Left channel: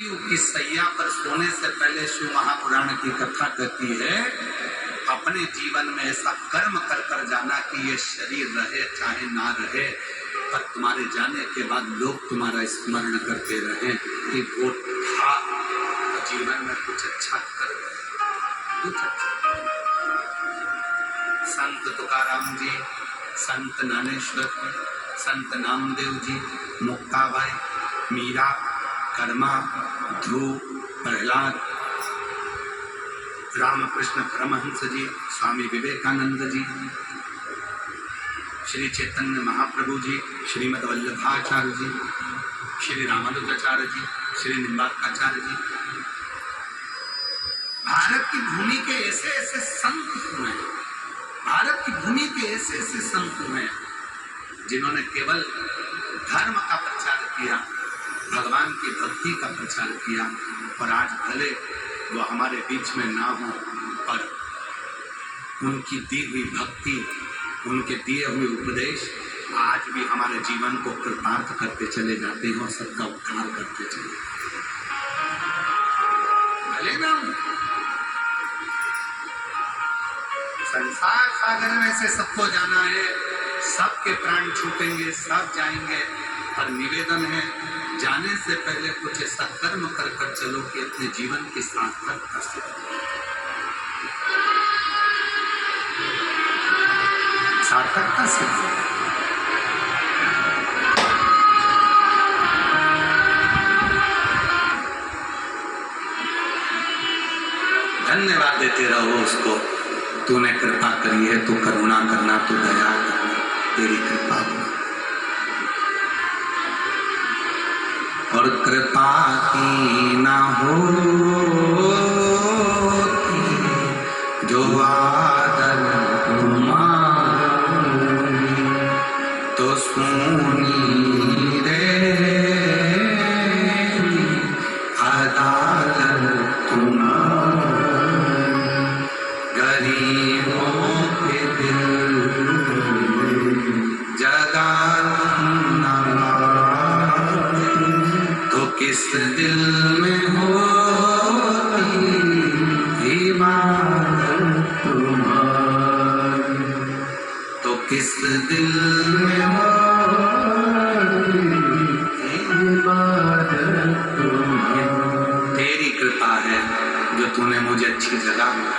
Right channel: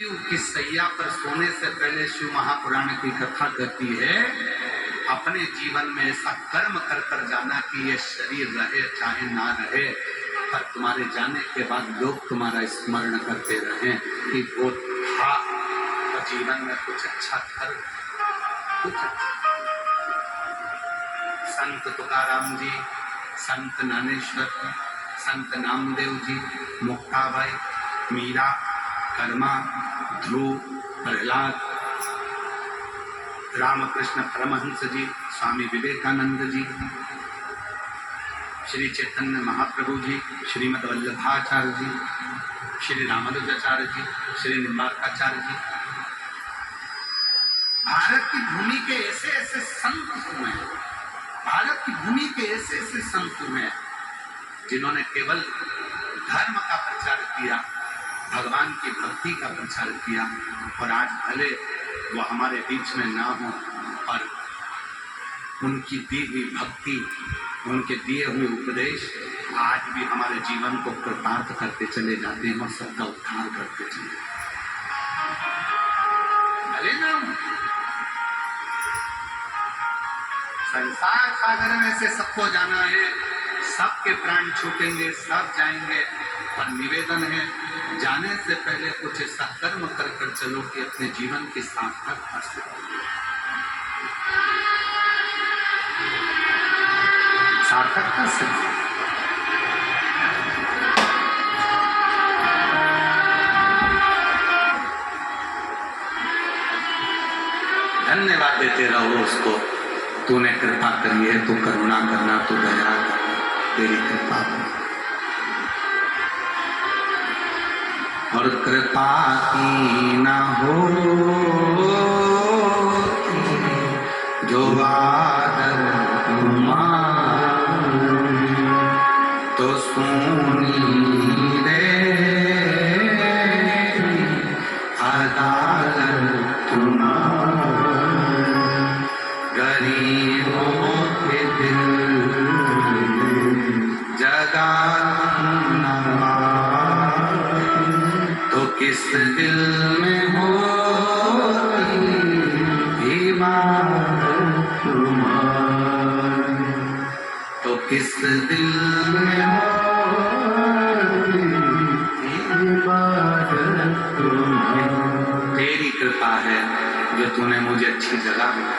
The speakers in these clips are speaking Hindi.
की सैया पर सोने से पहले शिव महापुराण की कथा कहती है, अपने जीवन में ऐसा कर्म कर कर जाना कि ये शरीर रहे चाहे ना रहे, पर तुम्हारे जाने के बाद लोग तुम्हारा स्मरण करते रहे कि वो था, तो जीवन में कुछ अच्छा कर कुछ अच्छा। संत तुकाराम जी, संत ज्ञानेश्वर जी, संत नामदेव जी, मुक्ताबाई, मीरा, कर्मा, ध्रुव, प्रहलाद, रामकृष्ण परमहंस जी, स्वामी विवेकानंद जी, श्री चैतन्य महाप्रभु जी, श्रीमद वल्लभाचार्य जी, श्री रामानुजाचार्य जी, श्री निम्बार्काचार्य जी, भारत की भूमि के ऐसे ऐसे संत हुए हैं, भारत की भूमि के ऐसे ऐसे संत हुए हैं जिन्होंने केवल धर्म का प्रचार किया, भगवान की भक्ति का प्रचार किया। और आज भले वो हमारे बीच में ना हो, पर उनकी दी हुई भक्ति, उनके दिए हुए उपदेश आज भी हमारे जीवन को कृतार्थ करते चले जाते हैं और सबका उद्धार करते चले। भले ना हूं, संसार सागर में से सबको जाना है, सबके प्राण छूटेंगे, सब जाएंगे, पर निवेदन है जाने से पहले कुछ ऐसा कर्म कर कर चलो कि अपने जीवन की सार्थकता से धन्यवाद देते रहो उसको। तूने कृपा करी है, तू करुणा करना, तू दया करना, तेरी कृपा हो। और कृपा की ना हो जो आदर तुम्हारी, तो सुनी रे अदालत तुम्हारी, गरीबों के दिल जगा न पाते, तो किस दिल में होती इबादत तुम्हारी, तो किस दिल में होती इबादत तुम्हारी। तेरी कृपा है जो तूने मुझे अच्छी जगह में,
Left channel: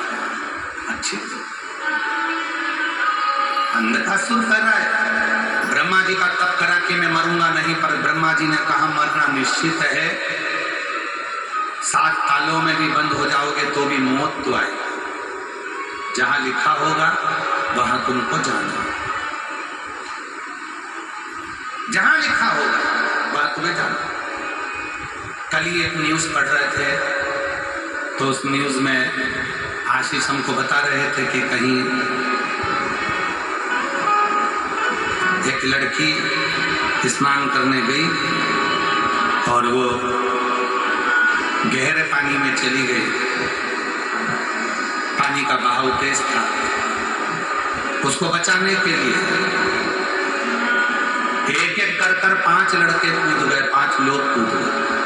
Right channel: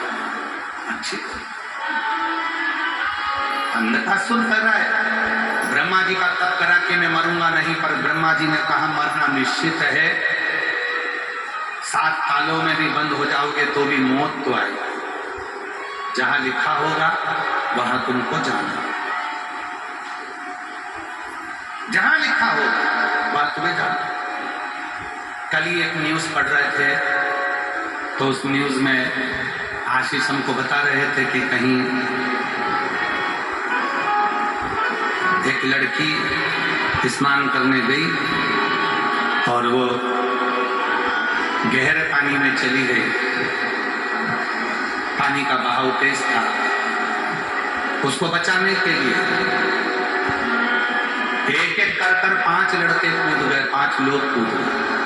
अच्छी अंधकासुर कर रहा है। ब्रह्मा जी का तप करा कि मैं मरूंगा नहीं, पर ब्रह्मा जी ने कहा मरना निश्चित है, 7 तालों में भी बंद हो जाओगे तो भी मौत तो आएगा, जहां लिखा होगा वहां तुमको जाना, जहां लिखा होगा वहां तुम्हें जाना। कल ही एक न्यूज पढ़ रहे थे, तो उस न्यूज में आशीष हमको बता रहे थे कि कहीं एक लड़की स्नान करने गई और वो गहरे पानी में चली गई, पानी का बहाव तेज था, उसको बचाने के लिए एक एक कर 5 लड़के कूद गए, 5 लोग कूद गए।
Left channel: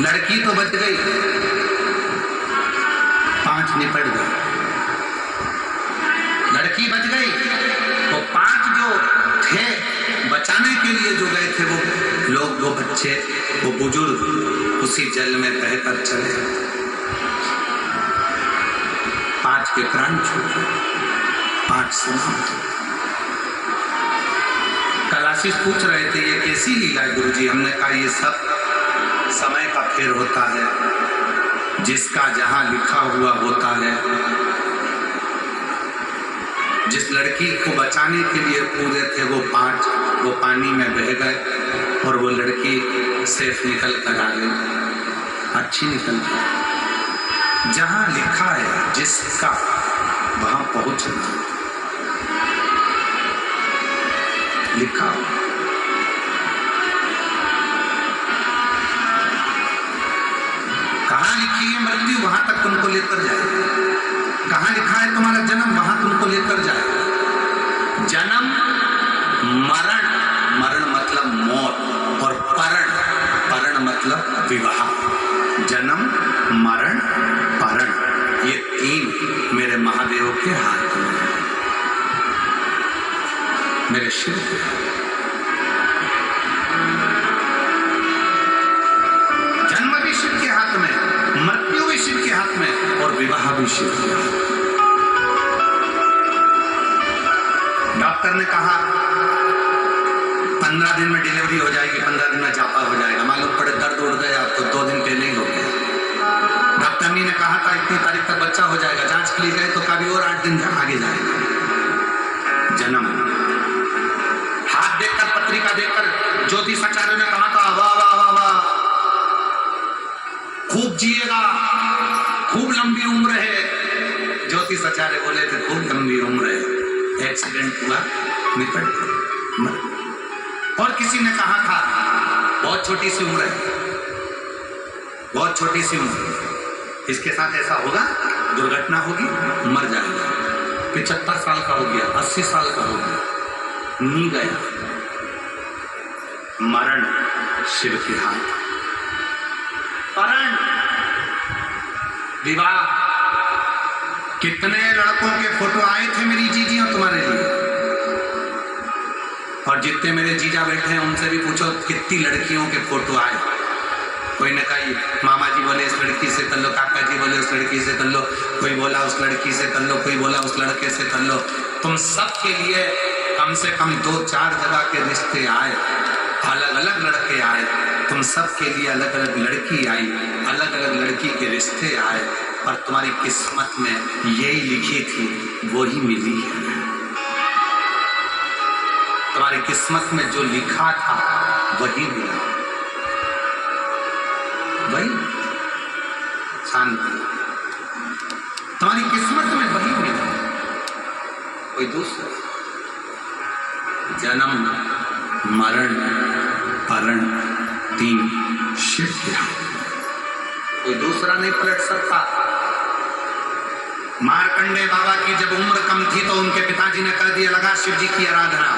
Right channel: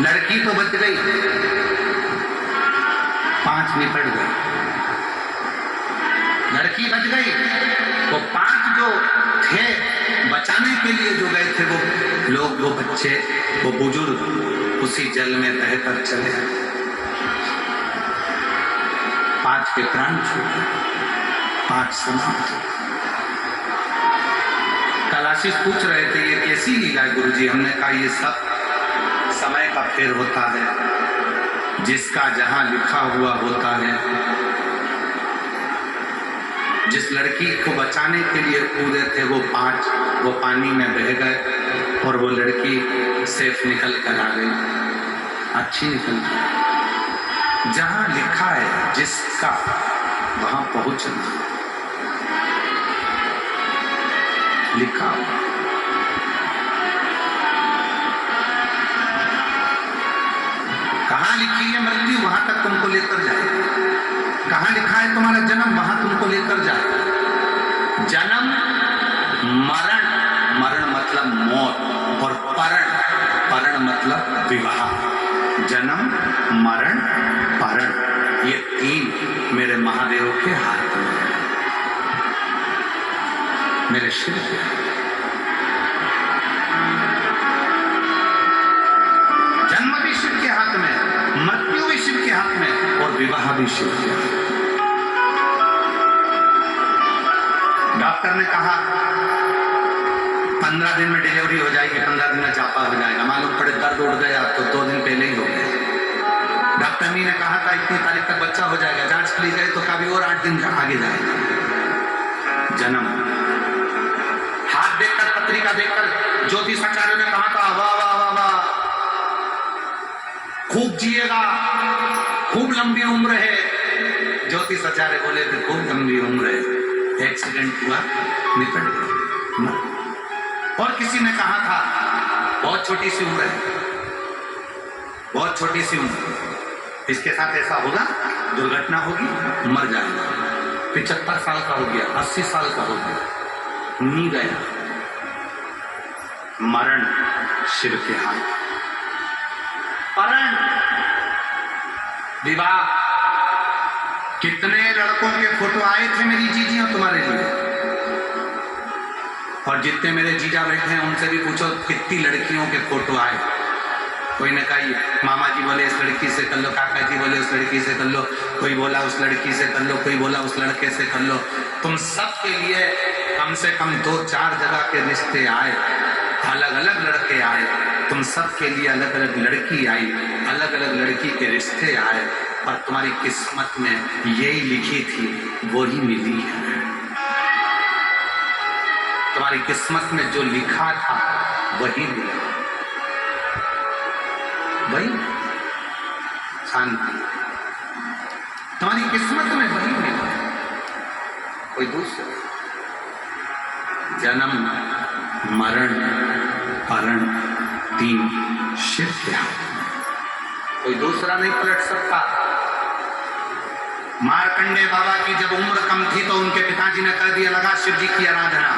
लड़की तो बच गई, 5 निपट गए। लड़की बच गई, वो 5 जो थे बचाने के लिए जो गए थे, वो लोग, वो बच्चे, वो बुजुर्ग उसी जल में बहकर चले गए। 5 के प्राण छूटे, 5 समाप्त। कल आशीष पूछ रहे थे ये कैसी लीला है गुरुजी? हमने कहा ये सब समय का फेर होता है, जिसका जहां लिखा हुआ होता है। जिस लड़की को बचाने के लिए कूदे थे वो 5, वो पानी में बह गए और वो लड़की सेफ निकल कर आ गई, अच्छी निकल गई। जहां लिखा है जिसका, वहां पहुंचना, लिखा हो। कहा कहाँ लिखी है मृत्यु, वहां तक तुमको लेकर जाए। कहाँ लिखा है तुम्हारा जन्म, वहां तुमको लेकर जाए। जन्म मरण, मरण मतलब मौत, और परण, परण मतलब विवाह। जन्म मरण परण, ये तीन मेरे महादेव के हाथ में, मेरे शिव पे। जन्म भी शिव के हाथ में, मृत्यु भी शिव के हाथ में, और विवाह भी शिव के हाथ में। डॉक्टर ने कहा 15 दिन में डिलीवरी हो जाएगी, 15 दिन में जापा हो जाएगा। मालूम पड़े दर्द उड़ गया तो 2 दिन पहले ही हो गया। डॉक्टरनी ने कहा था इतनी तारीख तक बच्चा हो जाएगा, जांच के लिए गए तो कभी और 8 दिन आगे जाएगा। जन्म, हाथ देखकर, पत्रिका देखकर ज्योतिषाचार्यों ने कहा था वाह वाह वाह वाह, खूब जिएगा, खूब लंबी उम्र है। ज्योतिषाचार्य बोले थे खूब लंबी उम्र है, एक्सीडेंट हुआ निकट गया। और किसी ने कहा था बहुत छोटी सी उम्र है, बहुत छोटी सी उम्र, इसके साथ ऐसा होगा, दुर्घटना होगी, मर जाएगा। 75 साल का हो गया, 80 साल का हो गया, नहीं गया। मरण शिव के हाथ, परण विवाह। कितने लड़कों के फोटो आए थे मेरी जीजियां तुम्हारे लिए, और जितने मेरे जीजा बैठे हैं उनसे भी पूछो कितनी लड़कियों के फोटो आए। कोई ने कहा मामा जी बोले इस लड़की से कर लो, काका जी बोले उस लड़की से कर लो, कोई बोला उस लड़की से कर लो, कोई बोला उस लड़के से कर लो। तुम सब के लिए कम से कम 2-4 जगह के रिश्ते आए, अलग अलग लड़के आए, तुम सब के लिए अलग अलग लड़की आई, अलग अलग लड़की के रिश्ते आए, और तुम्हारी किस्मत में यही लिखी थी वही मिली है। तुम्हारी किस्मत में जो लिखा था वही मिला, वही शांत, तुम्हारी किस्मत में वही मिला, कोई दूसरा। जन्म मरण परण तीन शिव के हाथ, कोई दूसरा नहीं पलट सकता। मार्कंडे बाबा की जब उम्र कम थी तो उनके पिताजी ने कह दिया लगा शिव जी की आराधना,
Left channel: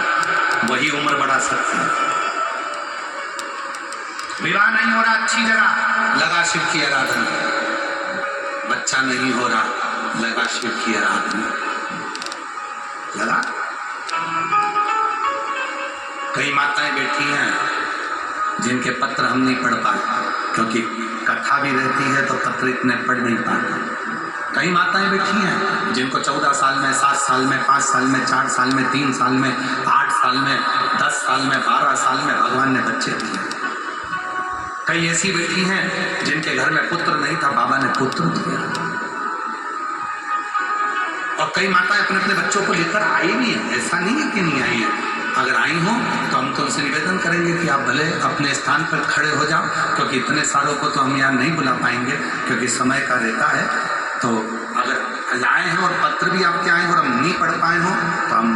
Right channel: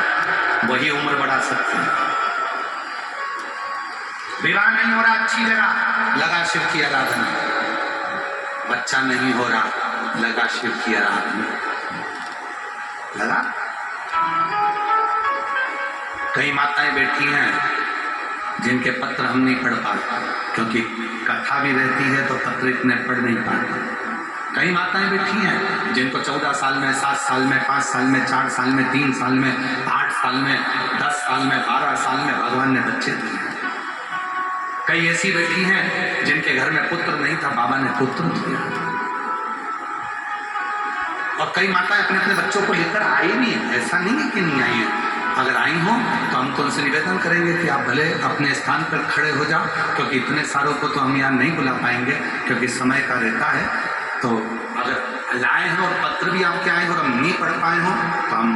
वही उम्र बढ़ा सकती है। विवाह नहीं हो रहा अच्छी जगह, लगा शिव की आराधना। बच्चा नहीं हो रहा, लगा शिव की आराधना, लगा। कई माताएं बैठी हैं जिनके पत्र हम नहीं पढ़ पाते, क्योंकि कथा भी रहती है तो पत्र इतने पढ़ नहीं पाते। कई माताएं बैठी हैं जिनको 14 साल में, 7 साल में, 5 साल में, 4 साल में, 3 साल में, 8 साल में, 10 साल में, 12 साल में भगवान ने बच्चे दिए। कई ऐसी बैठी हैं जिनके घर में पुत्र नहीं था, बाबा ने पुत्र दिया। और कई माताएं अपने अपने बच्चों को लेकर आई भी है, ऐसा नहीं है कि नहीं आई है। अगर आई हो तो हम तो उनसे निवेदन करेंगे कि आप भले अपने स्थान पर खड़े हो जाओ, क्योंकि इतने सारों को तो हम यहाँ नहीं बुला पाएंगे क्योंकि समय का रहता है। तो अगर लाए हैं और पत्र भी आपके आए और हम नहीं पढ़ पाए हो तो हम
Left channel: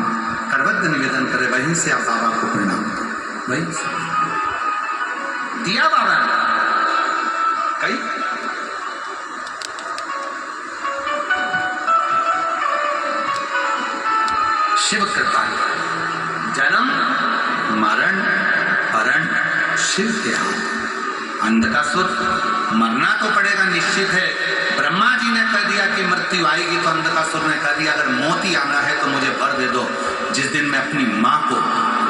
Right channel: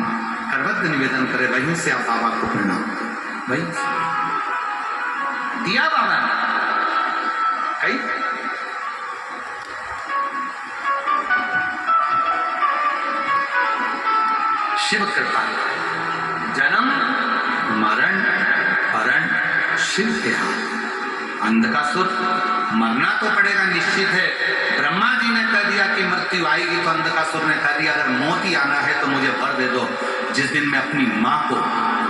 करबद्ध निवेदन करें, वहीं से आप बाबा को प्रणाम करें। वहीं से दिया बाबा ने कई शिव कृपा, जन्म मरण परण शिव के हाथ। अंधकासुर मरना तो पड़ेगा निश्चित है। ब्रह्मा जी ने कह दिया कि मृत्यु आएगी, तो अंधकासुर ने कह दिया अगर मौत ही आना है तो मुझे वर दे दो, जिस दिन मैं अपनी माँ को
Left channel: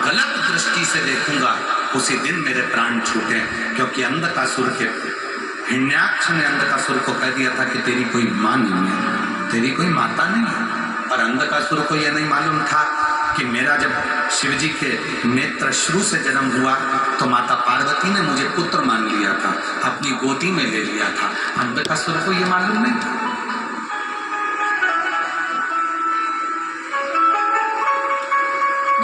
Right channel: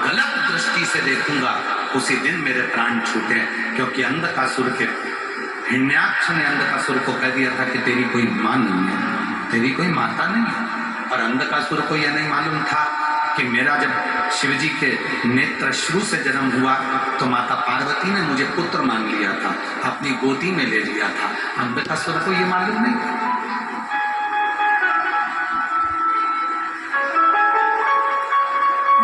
गलत दृष्टि से देखूंगा उसी दिन मेरे प्राण छूटे। क्योंकि अंधकासुर के हिरण्याक्ष ने अंधकासुर को कह दिया था कि तेरी कोई माँ नहीं है, तेरी कोई माता नहीं है। पर अंधकासुर को यह नहीं मालूम था कि मेरा जब शिवजी के नेत्र शुरू से जन्म हुआ तो माता पार्वती ने मुझे पुत्र मान लिया था, अपनी गोदी में ले लिया था। अंधकासुर को यह मालूम नहीं था।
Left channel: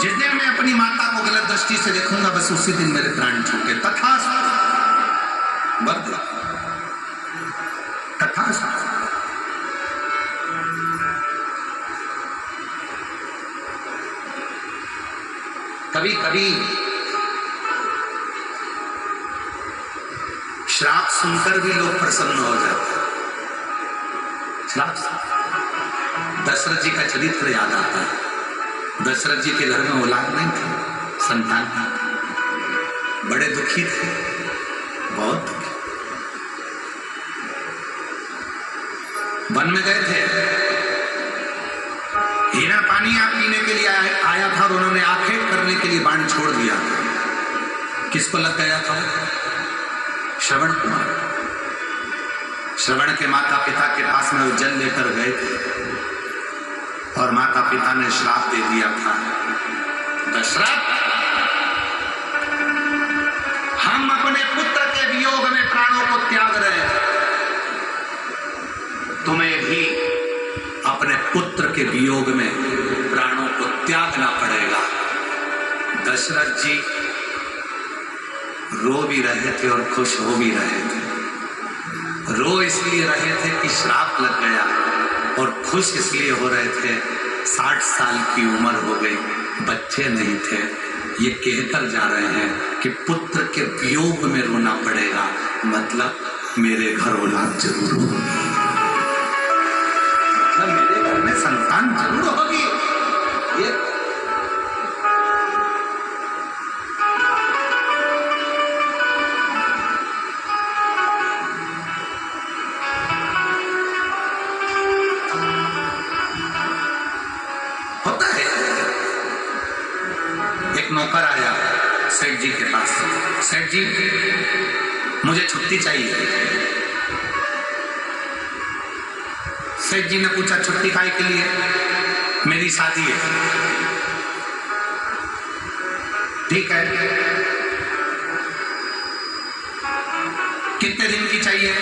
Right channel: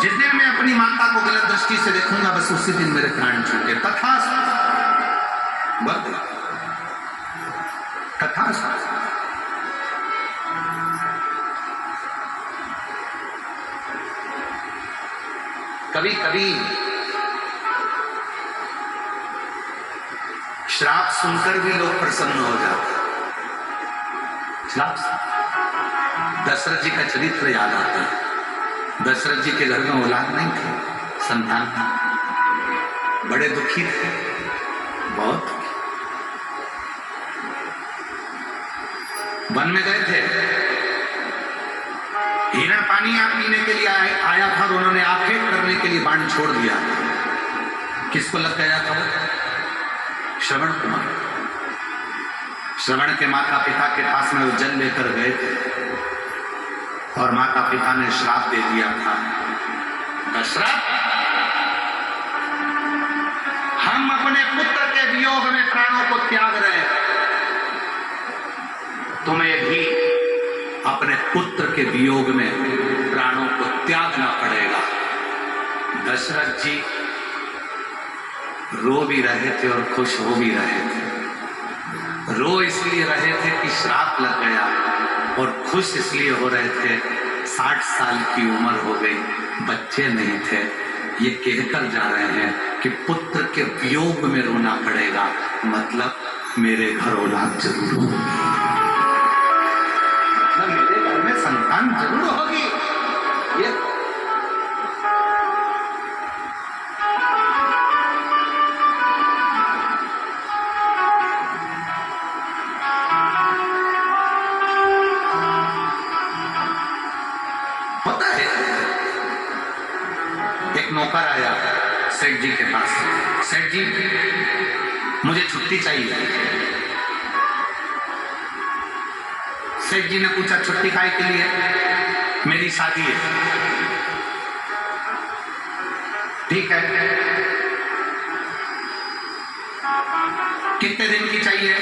जिस दिन मैं अपनी माता को गलत दृष्टि से देखूंगा बस उसी दिन मेरे प्राण छूटे। तथास्तु तथास्तु। कभी कभी श्राप सुनकर भी लोग प्रसन्न हो जाते हैं। श्राप दशरथ जी का चरित्र याद आता है। दशरथ जी के घर में औलाद नहीं थी, संतान था, बड़े दुखी थे, बहुत दुखी। वन में गए थे, हीरा पानी आप पीने के लिए आया था और उन्होंने आखेट करने के लिए बाण छोड़ दिया। किसको लग गया था? श्रवण कुमार। श्रवण के माता पिता के पास में वो जल लेकर गए थे और माता पिता ने श्राप दे दिया था, दशरथ हम अपने पुत्र के वियोग में प्राणों को त्याग रहे हैं, तुम्हें भी अपने पुत्र के वियोग में प्राणों को त्यागना पड़ेगा। दशरथ जी रो भी रहे थे और खुश हो भी रहे थे। रो इसलिए रहे थे कि श्राप लग गया और खुश इसलिए हो रहे थे 60 साल की उम्र हो गई, बच्चे नहीं थे। ये कहकर जा रहे हैं कि पुत्र के वियोग में रोना पड़ेगा, मतलब मेरे घर औलाद जरूर होगी, मतलब मेरे घर में संतान जरूर होगी। ये होता है। एक नौकर आया सेठ जी के पास, सेठ जी मुझे छुट्टी चाहिए। सेठ जी ने पूछा छुट्टी काहे के लिए? मेरी शादी है। ठीक है, कितने दिन की चाहिए?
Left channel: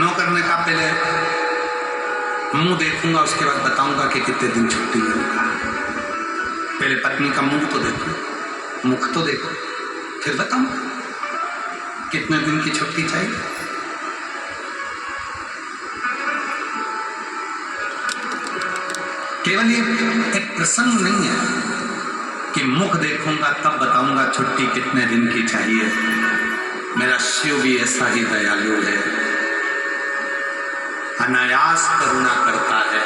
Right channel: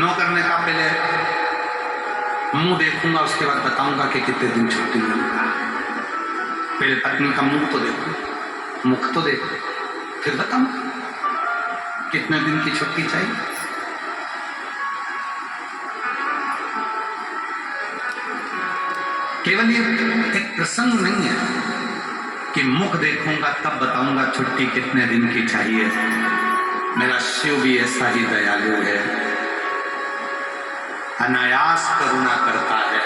नौकर ने कहा पहले मुंह देखूंगा, उसके बाद बताऊंगा कि कितने दिन छुट्टी मिलेगी। पहले पत्नी का मुंह तो देखो, मुख तो देखो, फिर बताऊंगा कितने दिन की छुट्टी चाहिए। केवल ये एक प्रसंग नहीं है कि मुख देखूंगा तब बताऊंगा छुट्टी कितने दिन की चाहिए। मेरा शिव भी ऐसा ही दयालु है, अनायास करुणा करता है।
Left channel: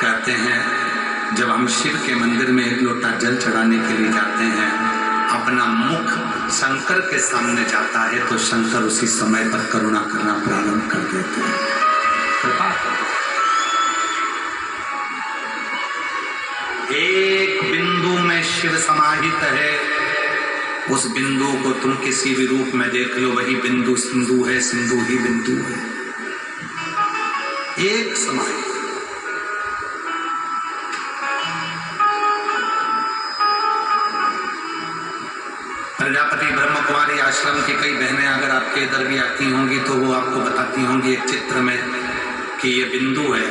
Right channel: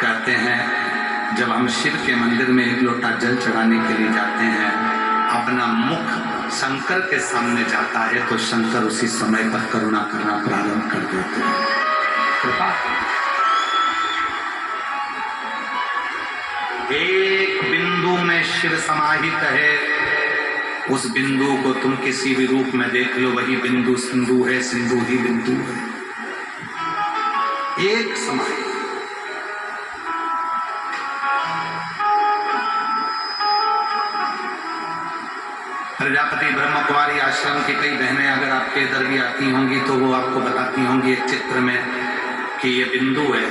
कहते हैं जब हम शिव के मंदिर में एक लोटा जल चढ़ाने के लिए जाते हैं, अपना मुख शंकर के सामने जाता है तो शंकर उसी समय पर करुणा करना प्रारंभ कर देते हैं। कृपा एक बिंदु में शिव समाहित है, उस बिंदु को तुम किसी भी रूप में देख लो, वही बिंदु सिंधु है, सिंधु ही बिंदु है, एक समाहित। प्रजापति ब्रह्म कुमारी आश्रम की कई बहनें अगर आपके इधर भी आती होंगी तो वो आपको बताती होंगी एक चित्र में कि ये बिंदु है,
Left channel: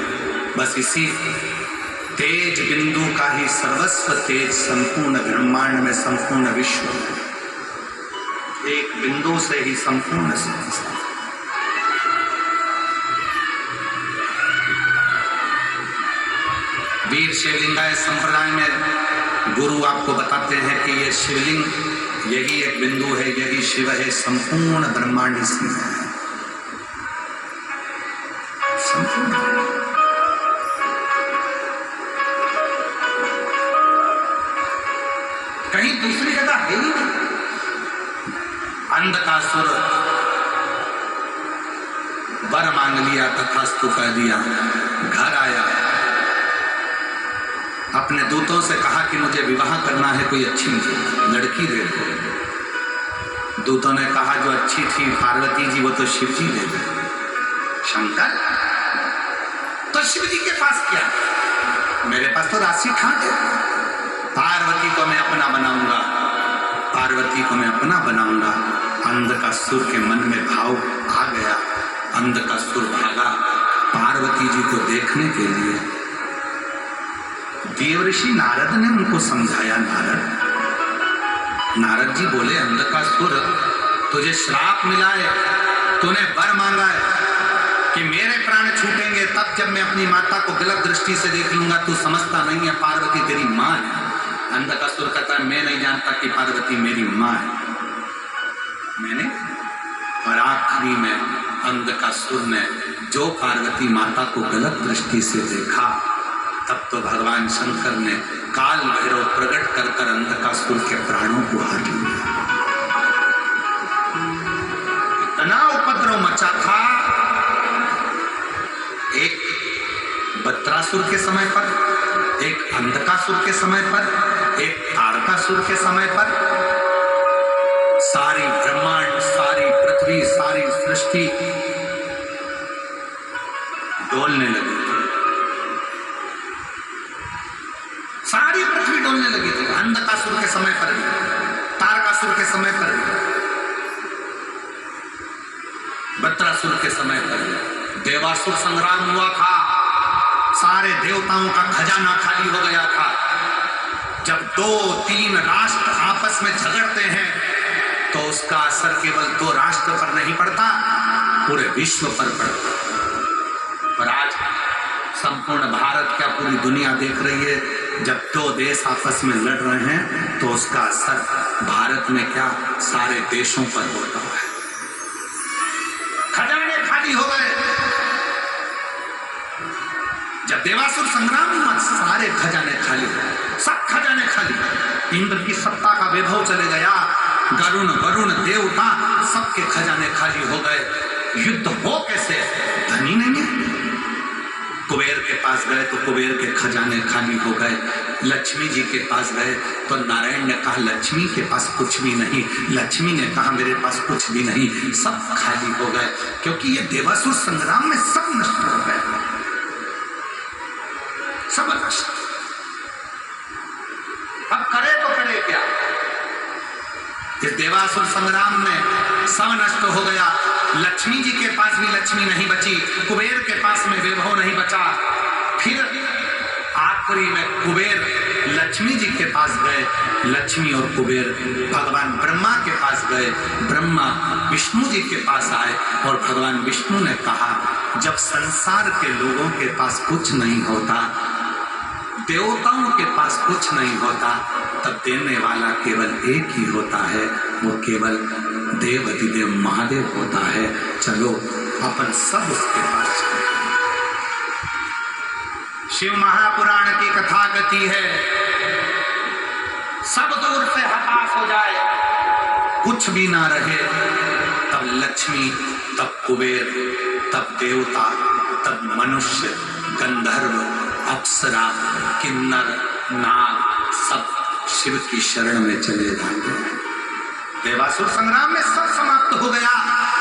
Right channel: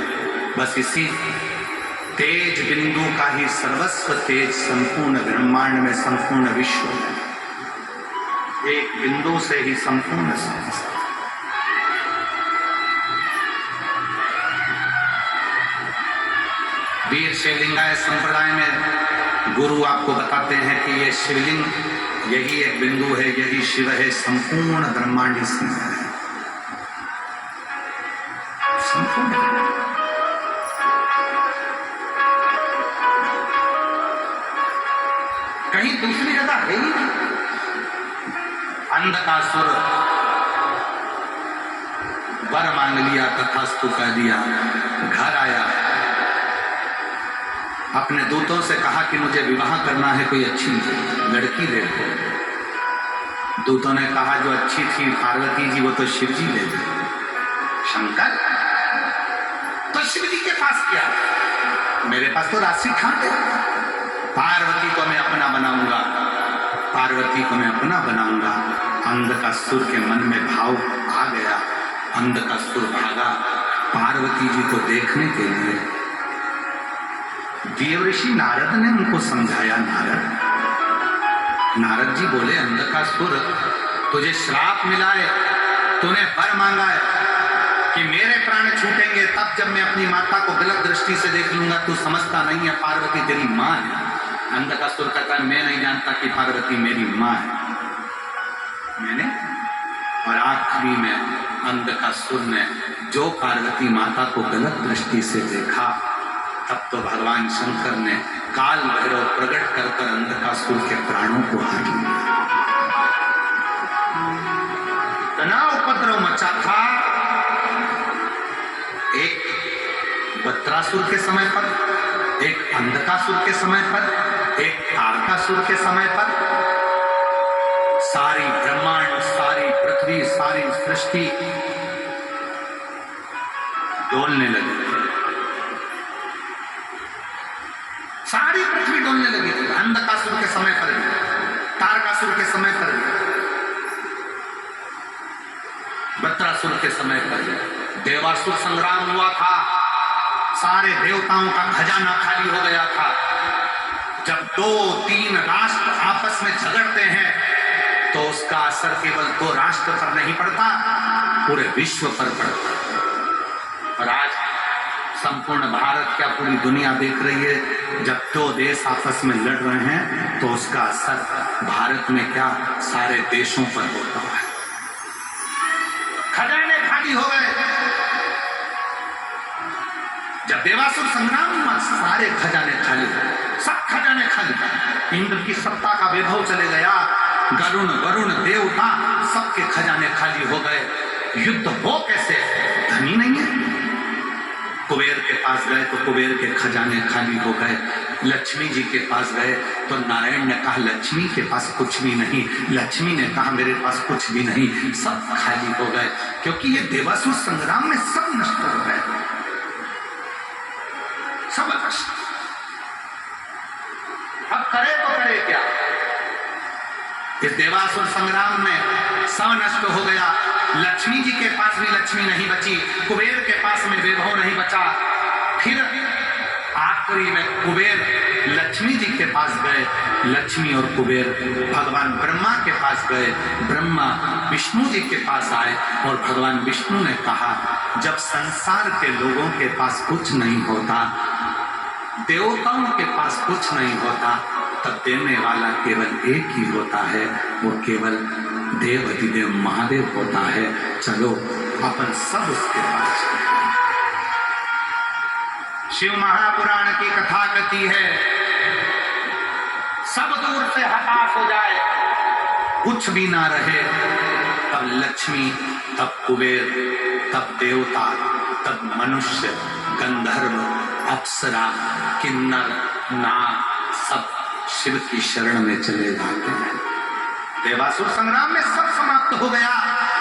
बस इसी तेज बिंदु का ही सर्वस्व तेज संपूर्ण ब्रह्मांड में संपूर्ण विश्व है। एक बिंदु से ही संपूर्ण संसार। वीर शिवलिंगाय संप्रदाय में गुरु आपको बताते हैं कि ये शिवलिंग यही एक बिंदु है, यही शिव है, संपूर्ण ब्रह्मांड इसमें है, संपूर्ण। कहीं दूसरी जगह है ही नहीं। अंधकासुर वर मांग लिया, तथास्तु कह दिया, घर आया, अपने दूतों से कहा कि मुझे विवाह करना है, कोई अच्छी लड़की देखो। दूतों ने कहा जो अच्छी थी पार्वती जी वो तो शिव जी ले गए। शंकर तो शिव जी के पास क्या, मेरे पास तो राशि ठाट है, पार्वती को मैं अपना बनाऊंगा, पार्वती को मैं अपना बनाऊंगा। अंधकासुर के मन में भाव आ गया, अंधकासुर भागा पार्वती जी को देखने के लिए। देवऋषि नारद ने उनको समझाया। नारद जी बोले अंधकासुर तुझे श्राप मिला है, तूने वर मांगा है कि मेरे प्राण छूटेंगे तब जब मैं अपनी माता को गलत दृष्टि से देख लूंगा, तू समझता नहीं है पार्वती तेरी माँ है। अंधकासुर कहता मैं नहीं जानता कि पार्वती मेरी माँ है, मैंने और आखिरी में अंधकासुर ने जो पार्वती माता को गलत दृष्टि से देखा, तब तो भगवान शंकर ने काल भैरव प्रकट कर कर अंधकासुर के प्राणों को हार लिया। इतना उपद्रव मचा था, एक बत्रासुर के समय पर, एक अंधकासुर के समय पर, एक तारकासुर के समय पर, सारी ब्रह्मांड, सारी पृथ्वी, सारी सृष्टि डोलने लगी थी। सारी पृथ्वी डोलने लगी थी। अंधकासुर के समय पर भी, तारकासुर के समय पर भी, बत्रासुर के समय पर भी। देवासुर संग्राम हुआ था, सारे देवताओं का खजाना खाली हो गया था। जब 2-3 राष्ट्र आपस में झगड़ते हैं तो उसका असर केवल 2 राष्ट्र पर नहीं पड़ता, पूरे विश्व पर पड़ता। और आज संपूर्ण भारत, क्या पूरी दुनिया देख रही है, जब 2 देश आपस में लड़ रहे हैं तो उसका असर भारत में क्या सारे देशों पर होता है। खजाने खाली हो गए। जब देवासुर संग्राम हुआ, सारे खजाने खाली, सब खजाने खाली। इंद्र की सत्ता का वैभव चले गया, वरुण देवता सबके खजाने खाली हो गए। युद्ध हो कैसे? धनी नहीं है। कुबेर के पास गए तो कुबेर के खजाने खाली हो गए। लक्ष्मी जी के पास गए तो नारायण ने कहा लक्ष्मी के पास कुछ भी नहीं। लक्ष्मी ने कहा मेरे पास कुछ भी नहीं। सब खाली हो गए, क्योंकि ये देवासुर संग्राम में सब नष्ट हो गए, सब नष्ट। अब करे तो करे क्या? इस देवासुर संग्राम में सब नष्ट हो गया। लक्ष्मी जी के पास भी लक्ष्मी नहीं बची, कुबेर के पास में वैभव नहीं बचा। फिर आखिरी में कुबेर लक्ष्मी जी के पास गए, लक्ष्मी और कुबेर भगवान ब्रह्मा के पास गए। ब्रह्मा विष्णु जी के पास आए और भगवान विष्णु ने कहा जब संसार के लोगों के पास कुछ नहीं होता, देवताओं के पास कुछ नहीं होता, तब देने वाला केवल एक ही होता है, वो केवल देवाधिदेव महादेव होता है। चलो अपन सब उसके पास चले। शिव महापुराण की कथा कहती है सब दूर से हताश हो जाए, कुछ भी ना रहे, तब लक्ष्मी, तब कुबेर, तब देवता, तब मनुष्य, गंधर्व, अप्सरा, किन्नर, नाग सब शिव की शरण में चले जाते हैं। देवासुर संग्राम में सब समाप्त हो गया।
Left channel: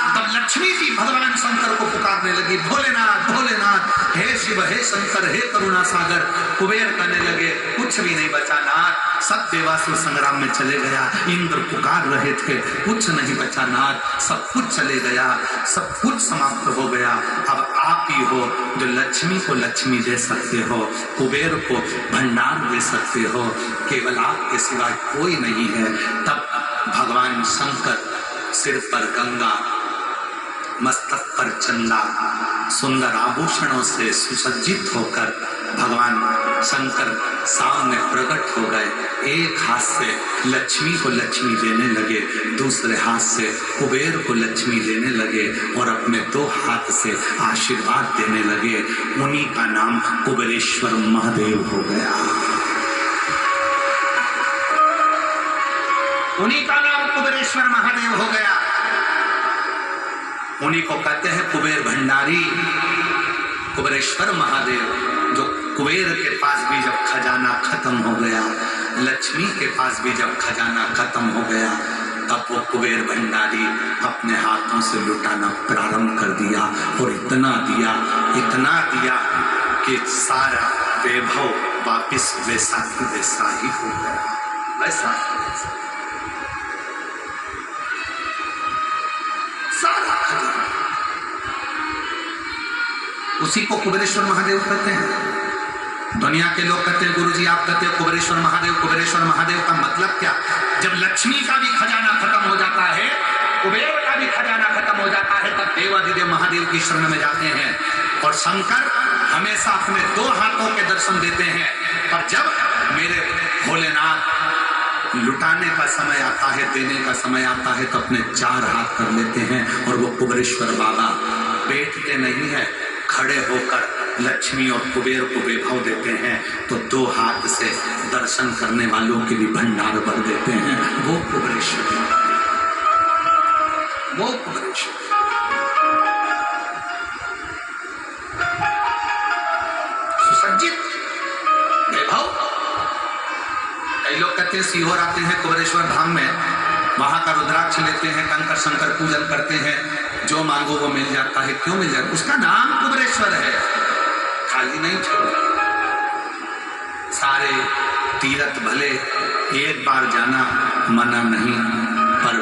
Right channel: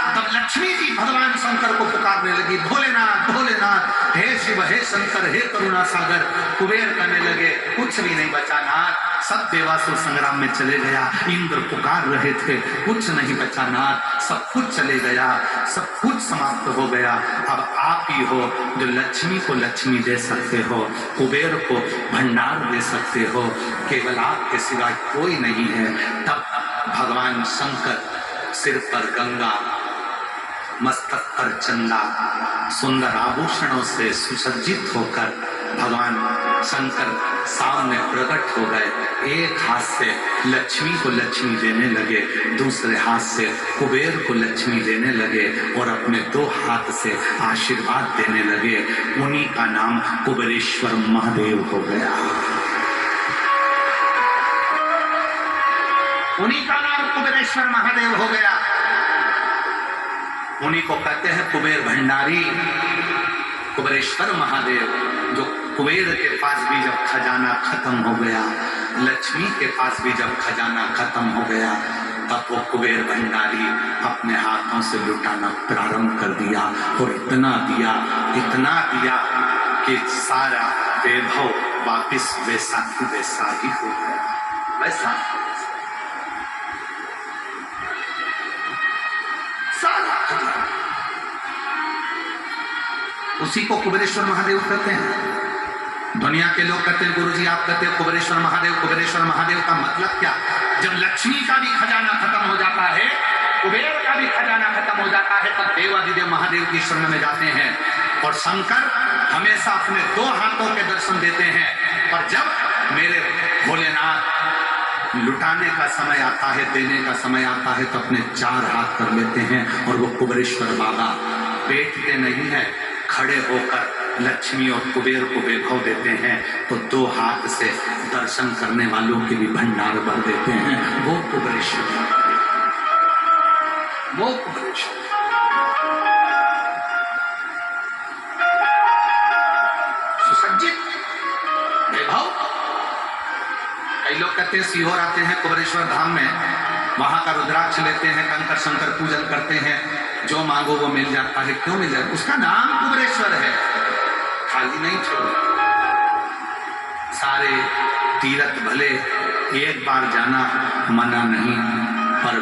तब लक्ष्मी जी भगवान शंकर को पुकारने लगी, भोलेनाथ भोलेनाथ, हे शिव हे शंकर हे करुणा सागर। कुबेर करने लगे कुछ भी नहीं बचा नाथ, सब देवासुर संग्राम में चले गया। इंद्र पुकार रहे थे, कुछ नहीं बचा नाथ, सब कुछ चले गया, सब कुछ समाप्त हो गया। अब आप ही हो जो लक्ष्मी को लक्ष्मी दे सकते हो, कुबेर को भंडार दे सकते हो, केवल आपके सिवाय कोई नहीं है। तब भगवान शंकर सिर पर गंगा, मस्तक पर चंदा, सुंदर आभूषणों से सुसज्जित होकर भगवान शंकर सामने प्रकट हो गए। एक हाथ से लक्ष्मी को लक्ष्मी देने लगे, दूसरे हाथ से कुबेर को लक्ष्मी देने लगे और अपने 2 हाथ से आशीर्वाद देने लगे। उन्हीं का नाम कुबेरेश्वर महादेव हो गया। उन्हीं का नाम कुबेरेश्वर महादेव हो गया। उन्हीं को कहते हैं कुबेर भंडारी, कुबेरेश्वर महादेव। जो कुबेर के पास भी जब खजाना खत्म हो गया, लक्ष्मी के पास भी जब खजाना खत्म हो गया, तब वो कुबेर भंडारी अपने हाथों से लुटाना प्रारंभ कर दिया और इतना दिया कि सारा वैभव वापिस वैसा ही हो गया। वैसा सारा खजाना, उसी को कुबेरेश्वर महादेव कहते हैं। दुनिया के लोग कहते हैं गुरुजी आप कहते हैं कुबेरेश्वर महादेव, कुबेरेश्वर महादेव का मतलब क्या? जब लक्ष्मी का भी खजाना खत्म हो जाता है, कुबेर का भी खजाना खत्म हो जाता है, तब देवाधिदेव महादेव की शरण में जाते हैं। और शंकर हमेशा अपने 2 हाथों के दर्शन देते हैं। पर जब मेरे भोलेनाथ लुटाने का समय आता है, देने का समय आता है तो अपने चार हाथ कर लेते हैं और वो कुबेरेश्वर बाबा बैठते नहीं है, खड़े होकर लक्ष्मी और कुबेर को वैभव देते हैं। तो दो हाथ से दर्शन करने वालों के भी भंडार भर देते हैं। वो कुबेरेश्वर, वो कुबेरेश्वर। सुसज्जित वैभव। कई लोग कहते हैं सीहोर आते हैं कुबेरेश्वर धाम में, वहां का रुद्राक्ष लेते हैं, कंकर शंकर पूजन करते हैं, जो मांगो वो मिल जाता है। क्यों मिल जाता? उसका नाम कुबेरेश्वर है, खाली नहीं छोड़। सारे तीर्थ भले एक बार जाना मना नहीं, पर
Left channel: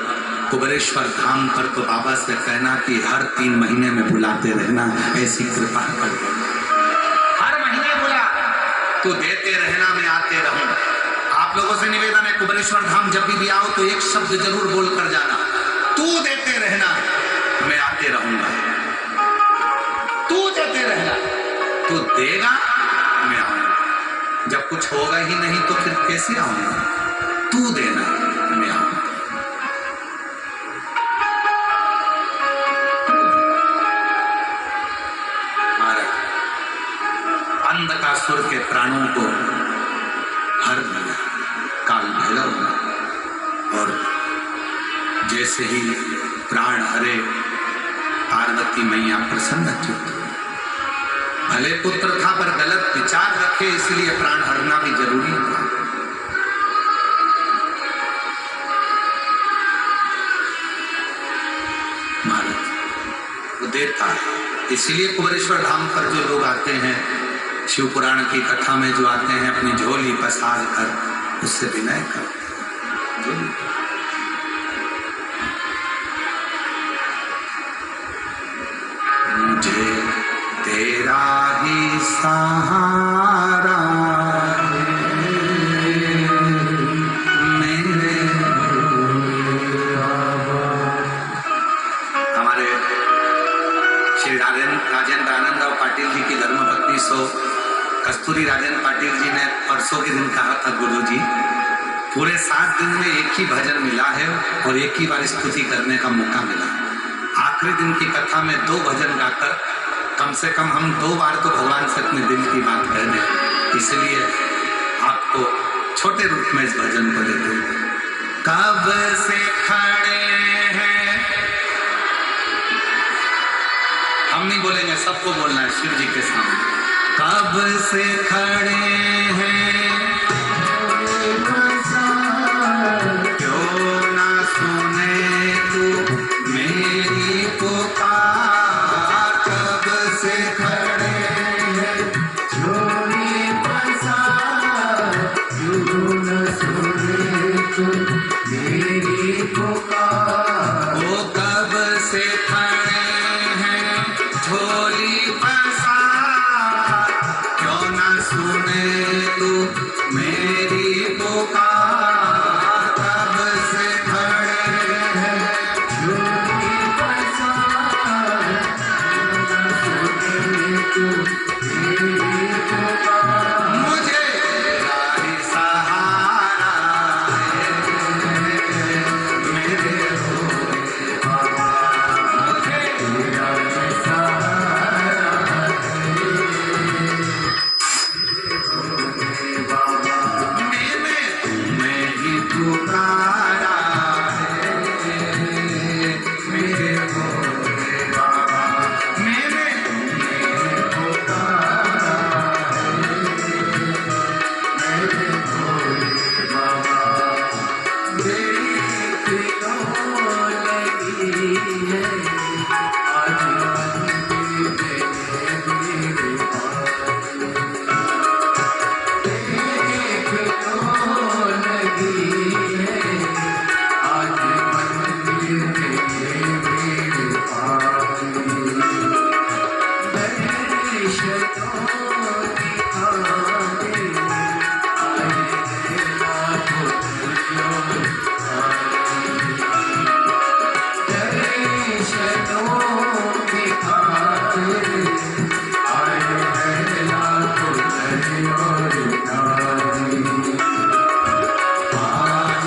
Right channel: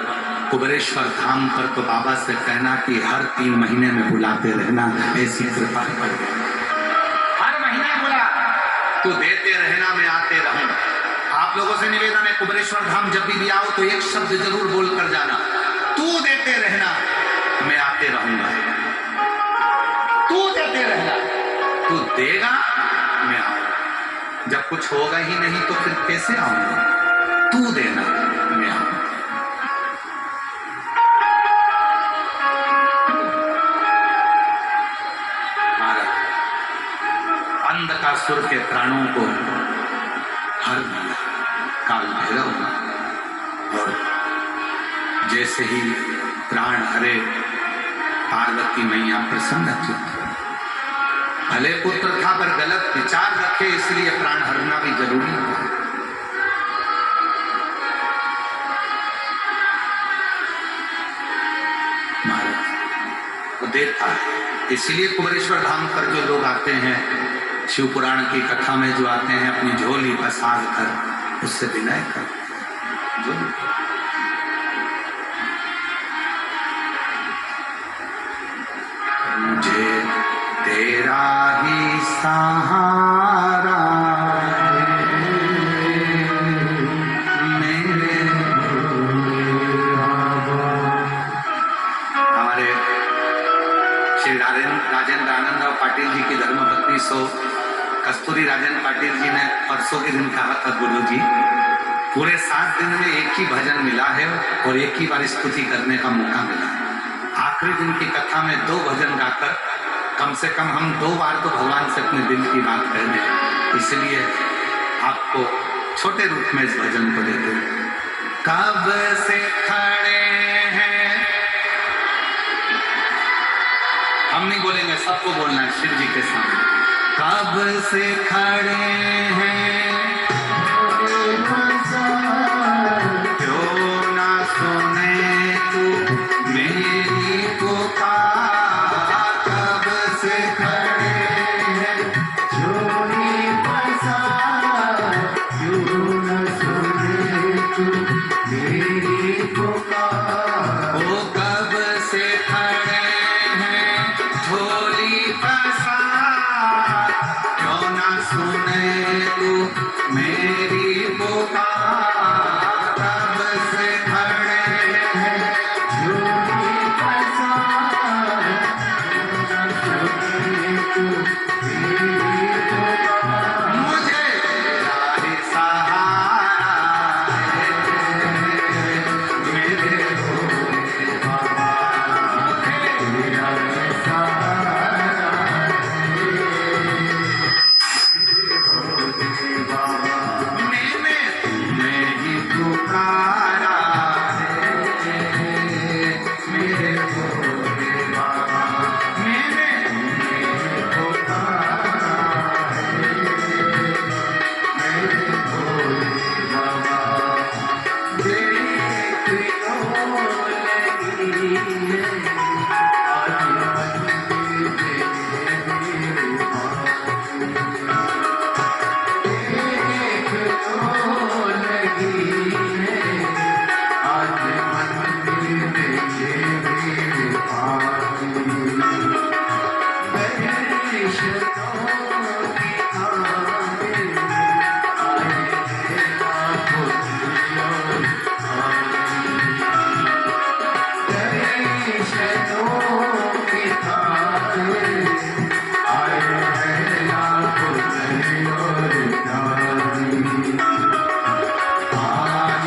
कुबेरेश्वर धाम पर तो बाबा से कहना कि हर 3 महीने में बुलाते रहना, ऐसी कृपा कर। हर महीने बुला, तो देते रहना, मैं आते रहूं। आप लोगों से निवेदन है, कुबेरेश्वर धाम जब भी आओ तो एक शब्द जरूर बोल कर जाना, तू देते रहना, मैं आते रहूंगा। तू देते रहना, तू देगा, मैं आऊंगा। जब कुछ होगा ही नहीं तो फिर कैसे आऊंगा? तू देना, मैं आऊंगा। अंधकासुर के प्राणों को हर काल भैरव, और जैसे ही प्राण हरे पार्वती मैया प्रसन्न चित्त। भले पुत्र था पर गलत विचार रखे, इसलिए प्राण हरना भी जरूरी था। महाराज वो देता है, इसीलिए कुबेरेश्वर धाम पर जो लोग आते हैं, शिव पुराण की कथा में जो आते हैं, अपनी झोली पसार कर उससे विनय कर। मुझे तेरा ही सहारा मेरे। हमारे श्री राजेंद्र आनंदराव पाटिल जी की धर्मपत्नी सो कस्तूरी राजेंद्र पाटिल जी ने परसों के दिन कहा था, गुरु जी पूरे 7 दिन में एक ही भजन मिला है और एक ही बार स्तुति करने का मौका मिला। आखिरी दिन की कथा में 2 भजन गाकर कम से कम हम 2 बार तो भगवान से अपने दिल की बात कह दें। इसलिए आपको छोटे रूप में इस भजन को देते हैं। कब से खड़े हैं, हम नहीं बोलेंगे, सबको बोलना है शिव जी के सामने। कब से खड़े हैं, क्यों ना सुने तू मेरी पुकार। कब से खड़े हैं, झोली पसार, क्यों ना सुने तू मेरी पुकार। वो कब से खड़े हैं, झोली पसार, क्यों ना सुने तू मेरी पुकार। कब से खड़े हैं, झोली पसार, क्यों ना सुने तू मेरी पुकार। मुझे तेरा ही सहारा है, मेरे भोले बाबा। मुझे तेरा ही सहारा पुकारा है, मेरे भोले बाबा। मैंने तुम्हें पुकारा है, मेरे भोले बाबा। देख लो लगी है आज मंदिर में देख लो लगी है आज मंदिर में मेरे पानी। दर्शनों की आने आए हैं लाखों दिलों आने। दर्शनों की आने आए हैं लाखों दिलों आने। आज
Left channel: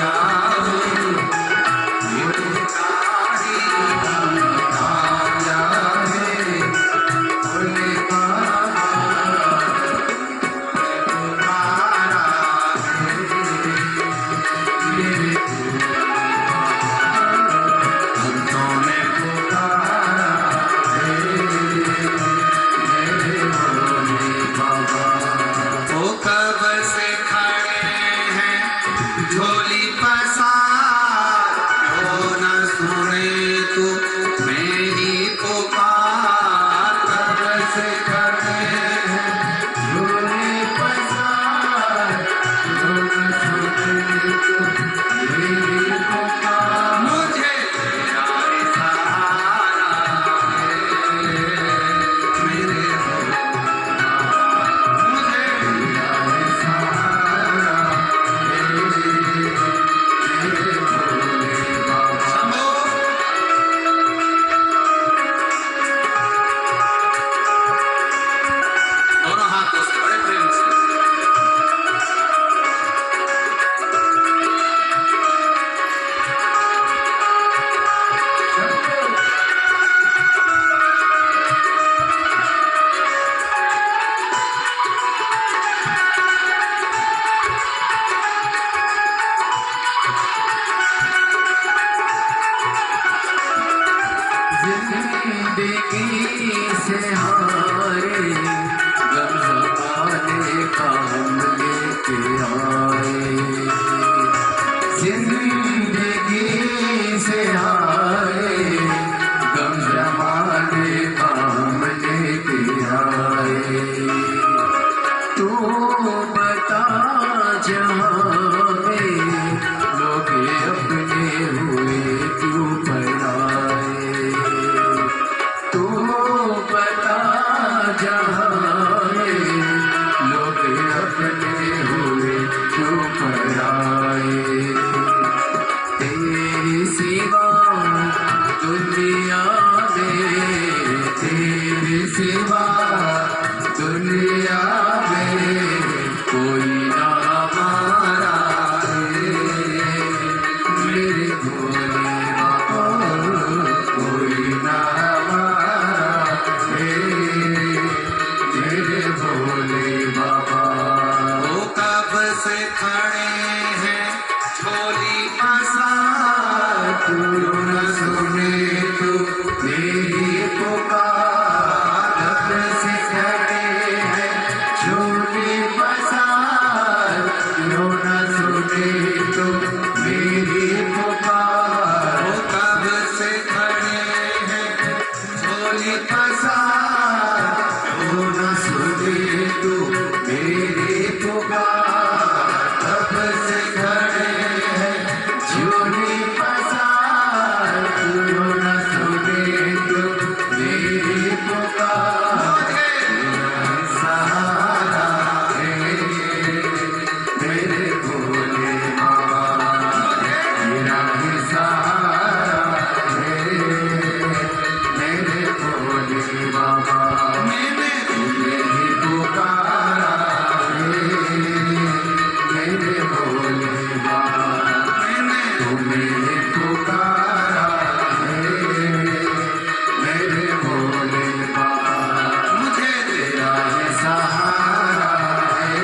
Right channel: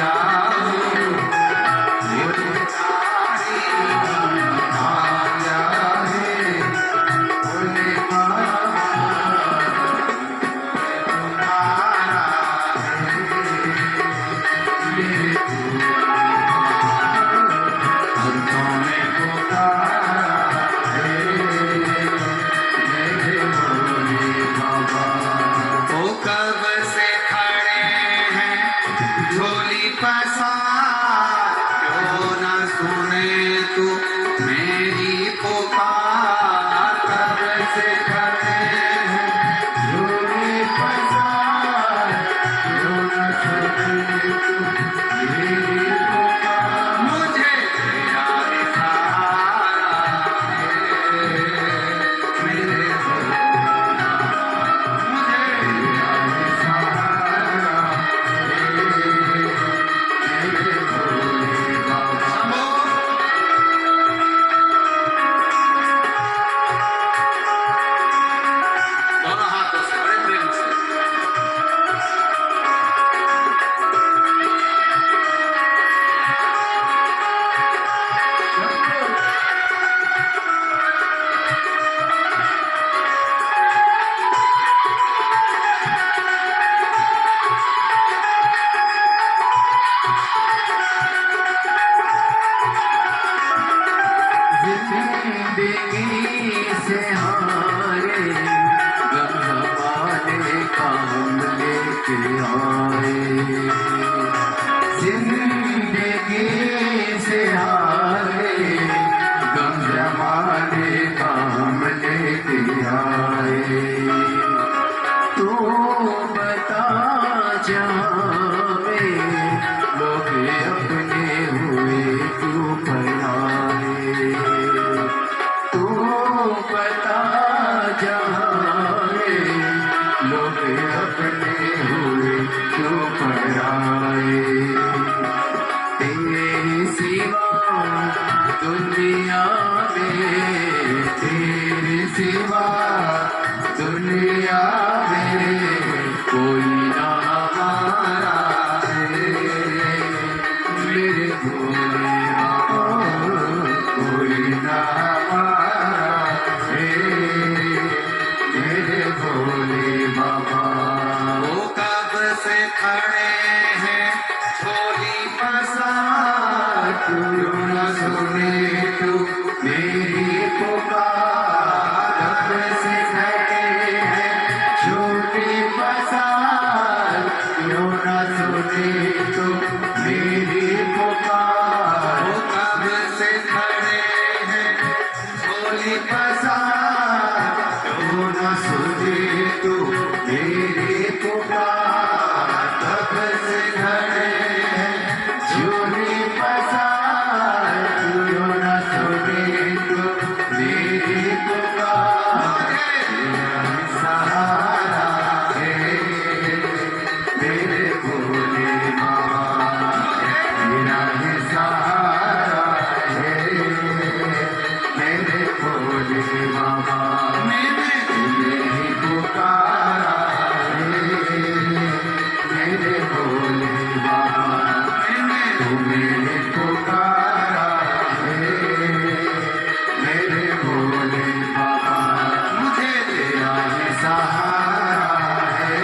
सहारा है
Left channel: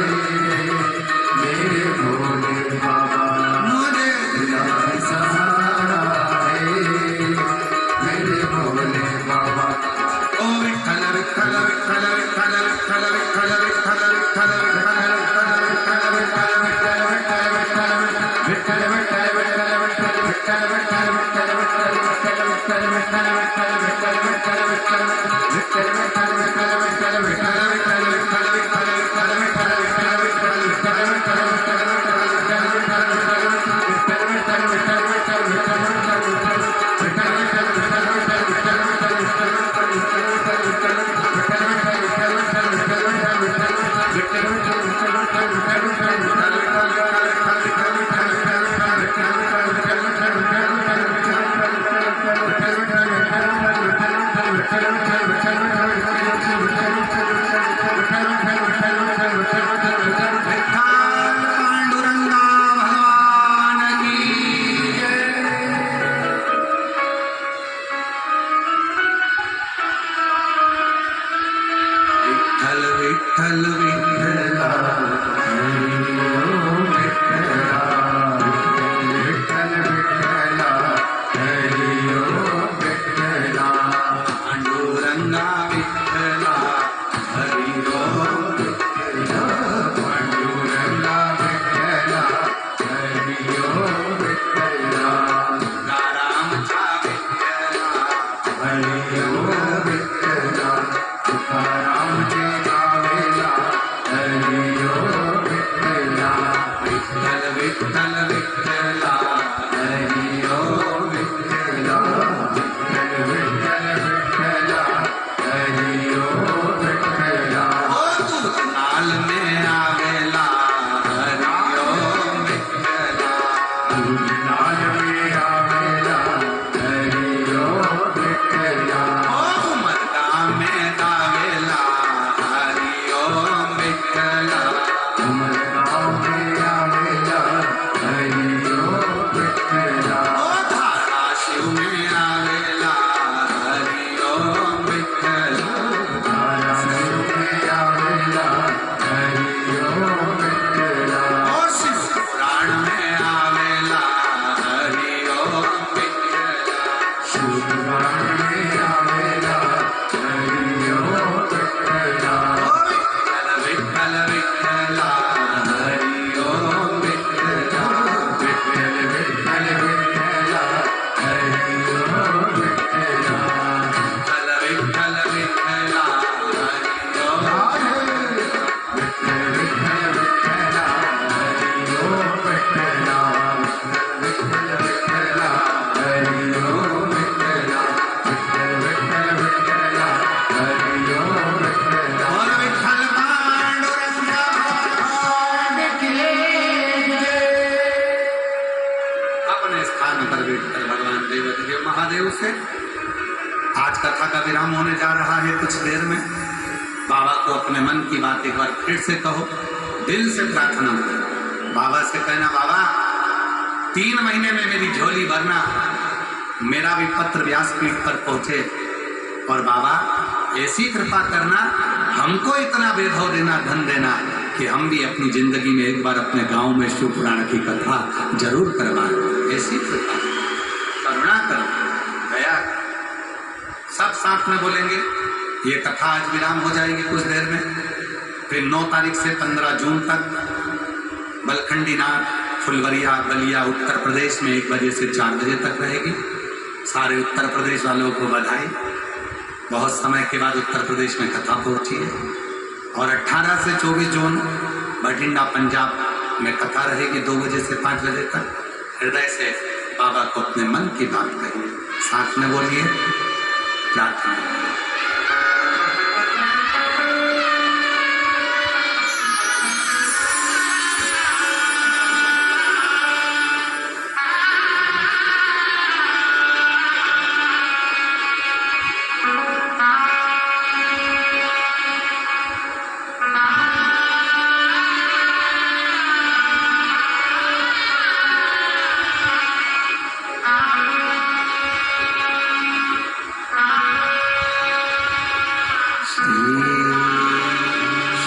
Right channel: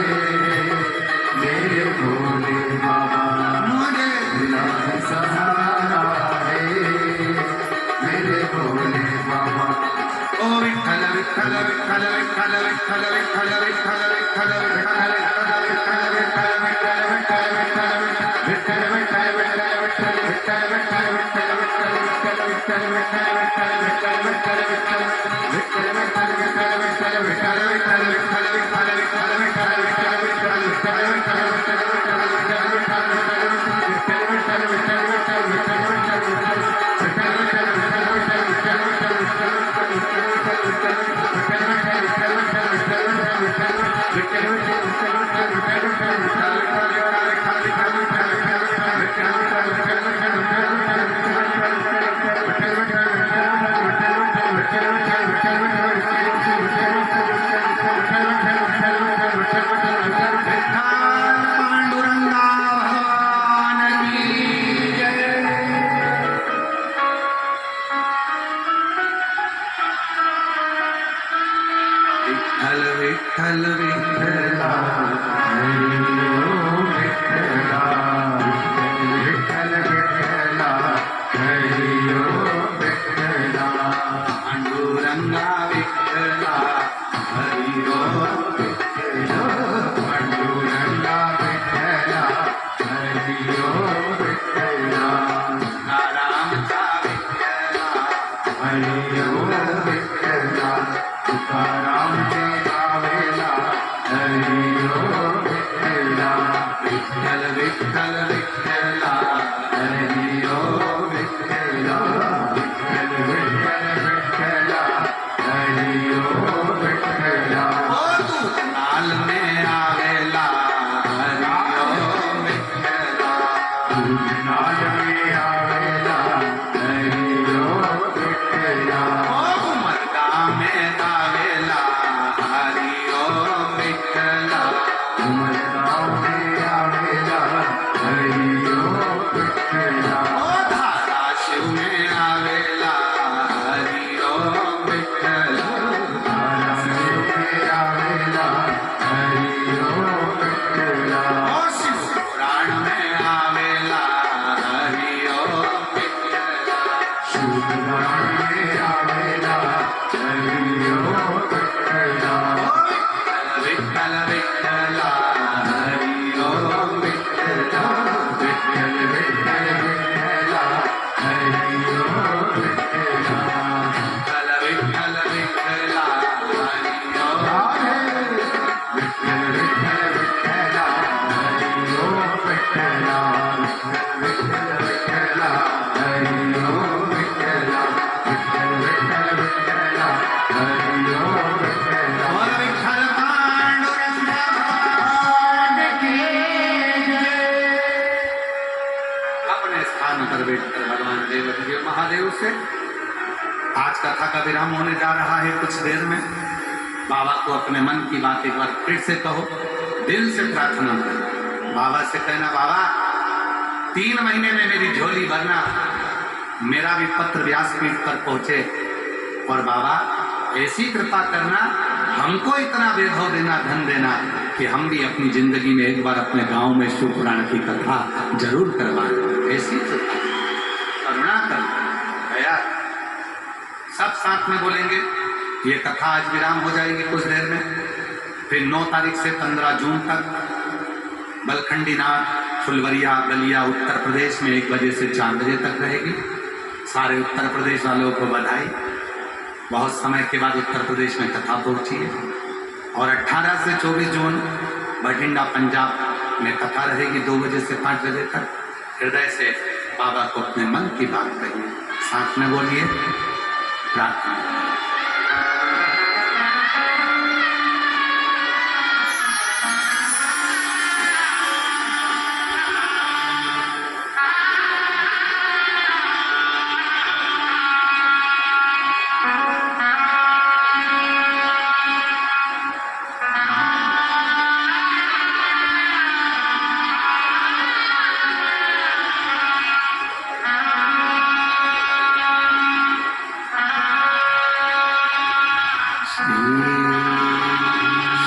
मेरे भोले बाबा, मुझे तेरा ही सहारा है मेरे भोले बाबा। ओ विठ्ठल विठ्ठल विठ्ठल विठ्ठल विठ्ठल विठ्ठल विठ्ठल विठ्ठल पांडुरंगा भगवान की जय। विठ्ठल विठ्ठल विठ्ठला पांडुरंगा विठ्ठला हरि ओम विठ्ठला पांडुरंगा विठ्ठला हरि ओम विठ्ठला रामचा विठ्ठला हरि ओम विठ्ठला तुकारामचे गावेला हरि ओम विठ्ठला विठ्ठल विठ्ठल विठ्ठला हरि ओम विठ्ठला विठ्ठल विठ्ठल विठ्ठला हरि ओम विठ्ठला ओ तू नाल में आवेला हरि ओम विठ्ठला नाद में आवेला हरि ओम विठ्ठला ओ मरदा में आवेला हरि ओम विठ्ठला उमरगा में आवेला हरि ओम विठ्ठला ओ धाराशिव में आवेला हरि ओम विठ्ठला धाराशिव में आवेला हरि ओम विठ्ठला ओ शिव पुराण में आवेला हरि ओम विठ्ठला शिवपुराण में आवेला हरि ओम विठ्ठला ओ विठ्ठल विठ्ठल विठ्ठला हरि ओम विठ्ठला विठ्ठल विठ्ठल विठ्ठला हरि ओम विठ्ठला विठ्ठल विठ्ठल विठ्ठला हरि ओम विठ्ठल विठ्ठल विठ्ठला हरि ओम विठ्ठला विठ्ठल विठ्ठला हरि ओम विठ्ठला विठ्ठल विठ्ठल विठ्ठला हरि ओम विठ्ठला और विठ्ठल पांडुरंगा भगवान की जय। अपने स्थान पर बैठकर भगवान देवदेव महादेव से आज कथा का विराम होने जा रहा है। कुछ देर में बाबा को अपने मन की बात एक बार फिर से कहो, दिल से प्रार्थना करो। बाबा से कहना, बाबा 3 महीने में मेरी झोली भरना, मेरा भी पत्र व्यासपीठ पर पहुंचे, और बाबा ऐसी कृपा करना, हमको इतना वैभव देना, धन देना कि हम भी अपनी जिंदगी में एक बार अपने गांव में शिव पुराण की कथा जरूर करवाएं। ऐसी कृपा करुणा कर दया। सब साथ में बोलेंगे। ये कथा आज विराम हो जाएगी कुछ देर में। फिर 9 तारीख से 15 जून तक बलखंडी नाथ फुलवरिया बलिया उत्तर प्रदेश में 1 बजे से 4 बजे तक रहेगी। सारे उत्तर प्रदेश वालों को बधाई। बहुत समय के बाद उत्तर प्रदेश में कथा पहुंची है। और 18 से 24 जून बठिंडा पंजाब में कथा रहेगी 2 बजे से 5 बजे तक। हृदय से बाबा को अपने मन की बात कहिए, साथ में बोलिए, प्रार्थना।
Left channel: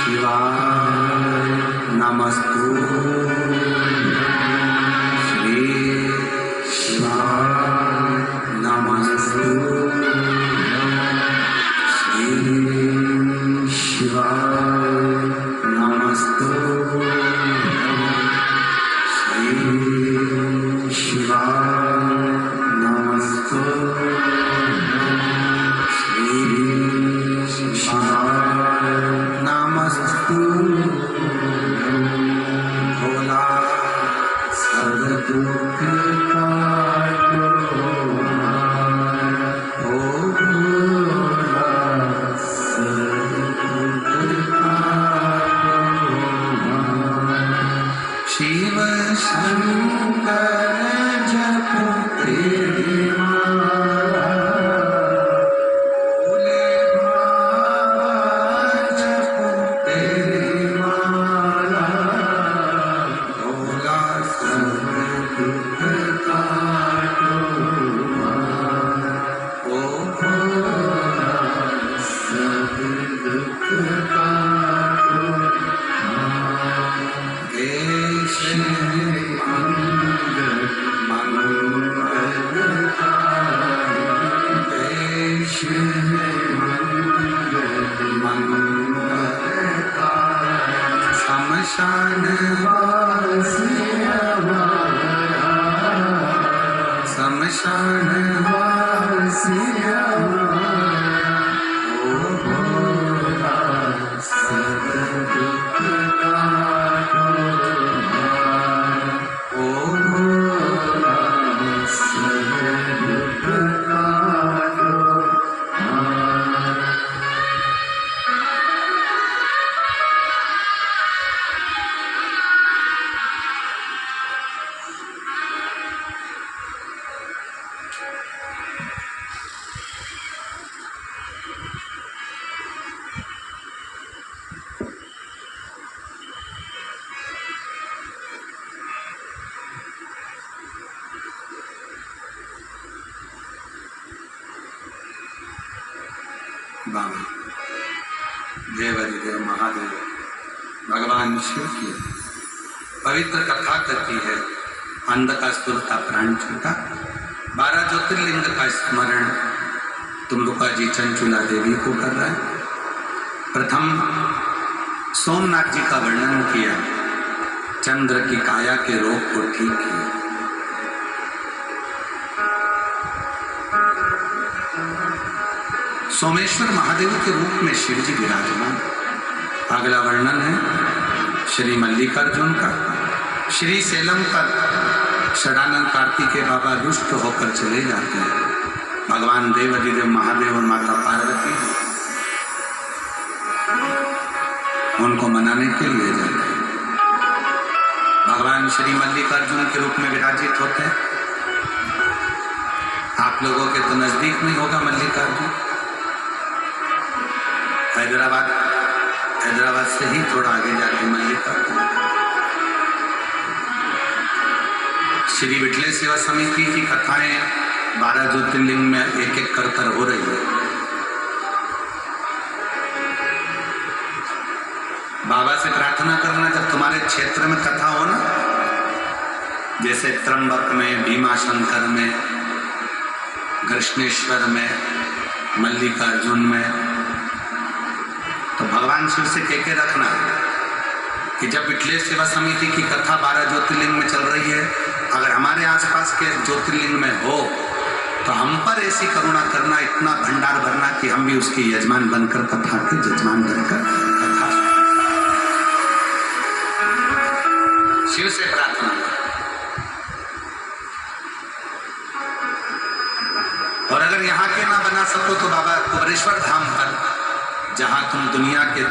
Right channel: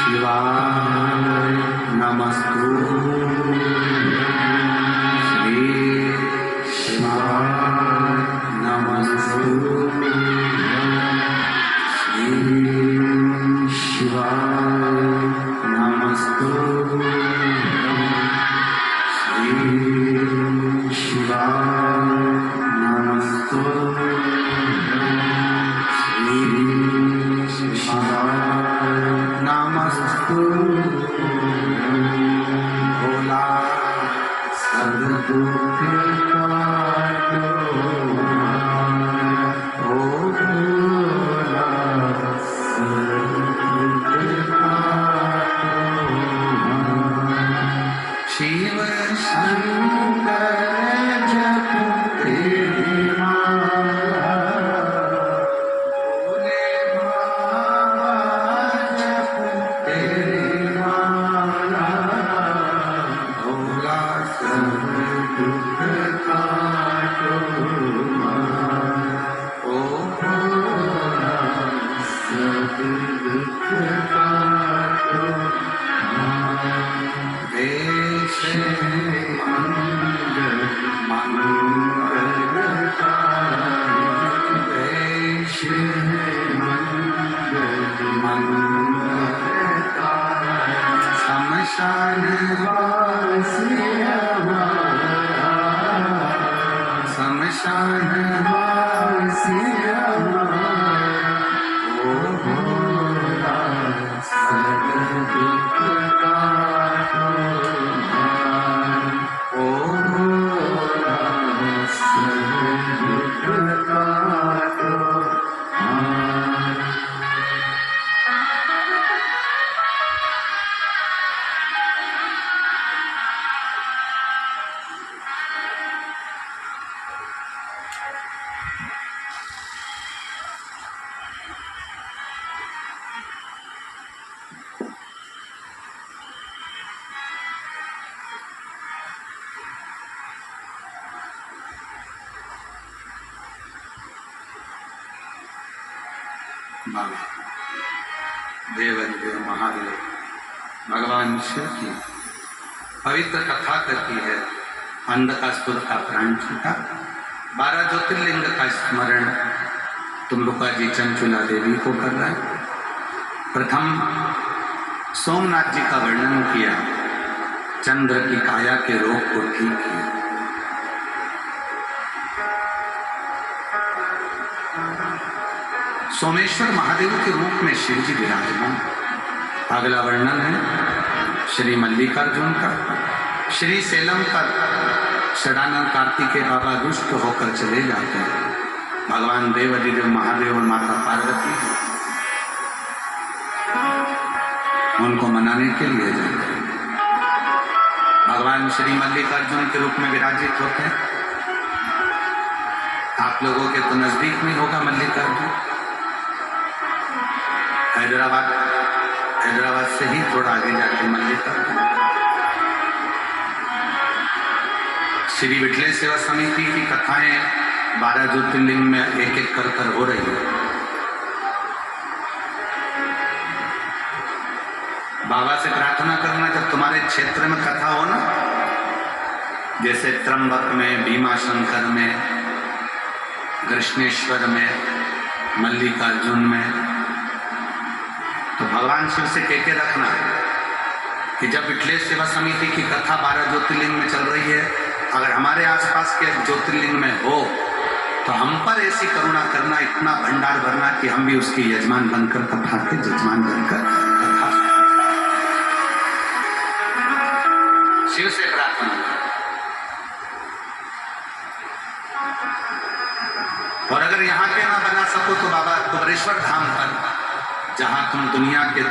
शिवाय नमस्तुभ्यं श्री शिवाय नमस्तुभ्यं श्री शिवाय नमस्तुभ्यं श्री शिवाय नमस्तुभ्यं श्री शिवाय नमस्तुभ्यं भोला सब दुख काटो ओ भोला सब दुख काटो शिव शंकर जपते माला भोले बाबा जपते माला भोला सब दुख काटो ओ भोला सब दुख काटो देश मंगल मंगलकारी देश मंगलकारी शमशान वासी हमारा शमशान वासी हमारा ओ भोला सब दुख काटो ओ भोला सब दुख काटो बाबा देवाधिदेव महादेव भगवान शिव की पवित्र कथा करती है। अंधकासुर का प्राण छूटा, 12 ज्योतिर्लिंग का स्मरण तुम्बुका जी चंचुला देवी को कर रहा है। प्रथम सोमनाथ जी का वर्णन किया, चंद्र की काया के रोग को ठीक किया। सोमेश्वर महादेव के रूप में शिव जी विराजमान। अगला वर्णन है श्री मल्लिकार्जुन का। श्री सेलम पर षडानंद कार्तिकेय बाबा रुष्ट होकर चले जाते हैं। भगवान देवाधिदेव महादेव और माता पार्वती उनको मनाने के लिए जाते हैं। भगवान श्री मल्लिकार्जुन के रूप में विराजित होते हैं। आप लोगों के तो नजदीक में होगा मल्लिकार्जुन, हैदराबाद से ही थोड़ा आगे जाके मल्लिकार्जुन। श्री विठले सेवा समिति की कथाएं 12 ज्योतिर्लिंग में एक एक कर हो रही है। बाबा से प्रार्थना करना, जब तुम्हारे क्षेत्र में कथा हो ना, जैसे त्र्यंबक में, भीमाशंकर में, कृष्णेश्वर में, मल्लिकार्जुन में, तो भगवान शिव से कह के रखना कि जब विठलेश सेवा समिति की कथा 12 ज्योतिर्लिंग में चल रही है, अगर हमारे आसपास के ज्योतिर्लिंग में हो तो हम पर ऐसी करुणा करना, इतना भंडार भरना कि हम भी उसके यजमान बनकर कथा के जजमान बनकर कथा शिव से प्रार्थना। और अगर यहाँ के ना बना सको तो बाबा कुबरेश्वर धाम पर, जहां तुम दुनिया के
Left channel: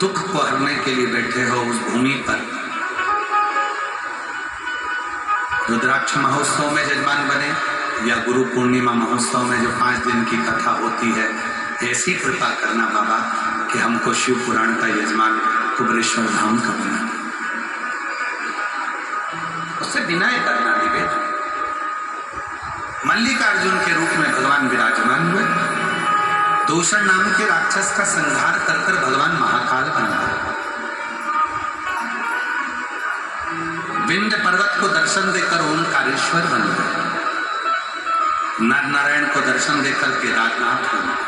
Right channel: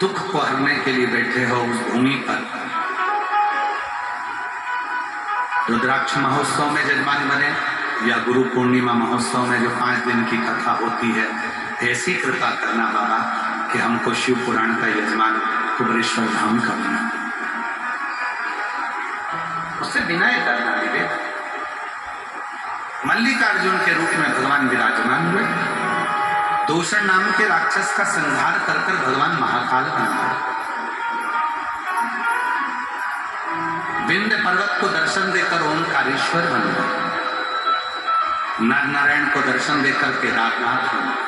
दुख को हरने के लिए बैठे हो, उस भूमि पर रुद्राक्ष महोत्सव में जजमान बने, या गुरु पूर्णिमा महोत्सव में जो 5 दिन की कथा होती है, ऐसी कृपा करना बाबा कि हमको शिव पुराण का यजमान कुबरेश्वर धाम का बना। उससे विनय करना, निवेदन। मल्लिकार्जुन के रूप में भगवान विराजमान हुए दूषण नाम के राक्षस का संहार कर कर भगवान महाकाल बन गए। विंध्य पर्वत को दर्शन देकर ओंकारेश्वर बन गए। नर नारायण को दर्शन देकर केदारनाथ बन गए।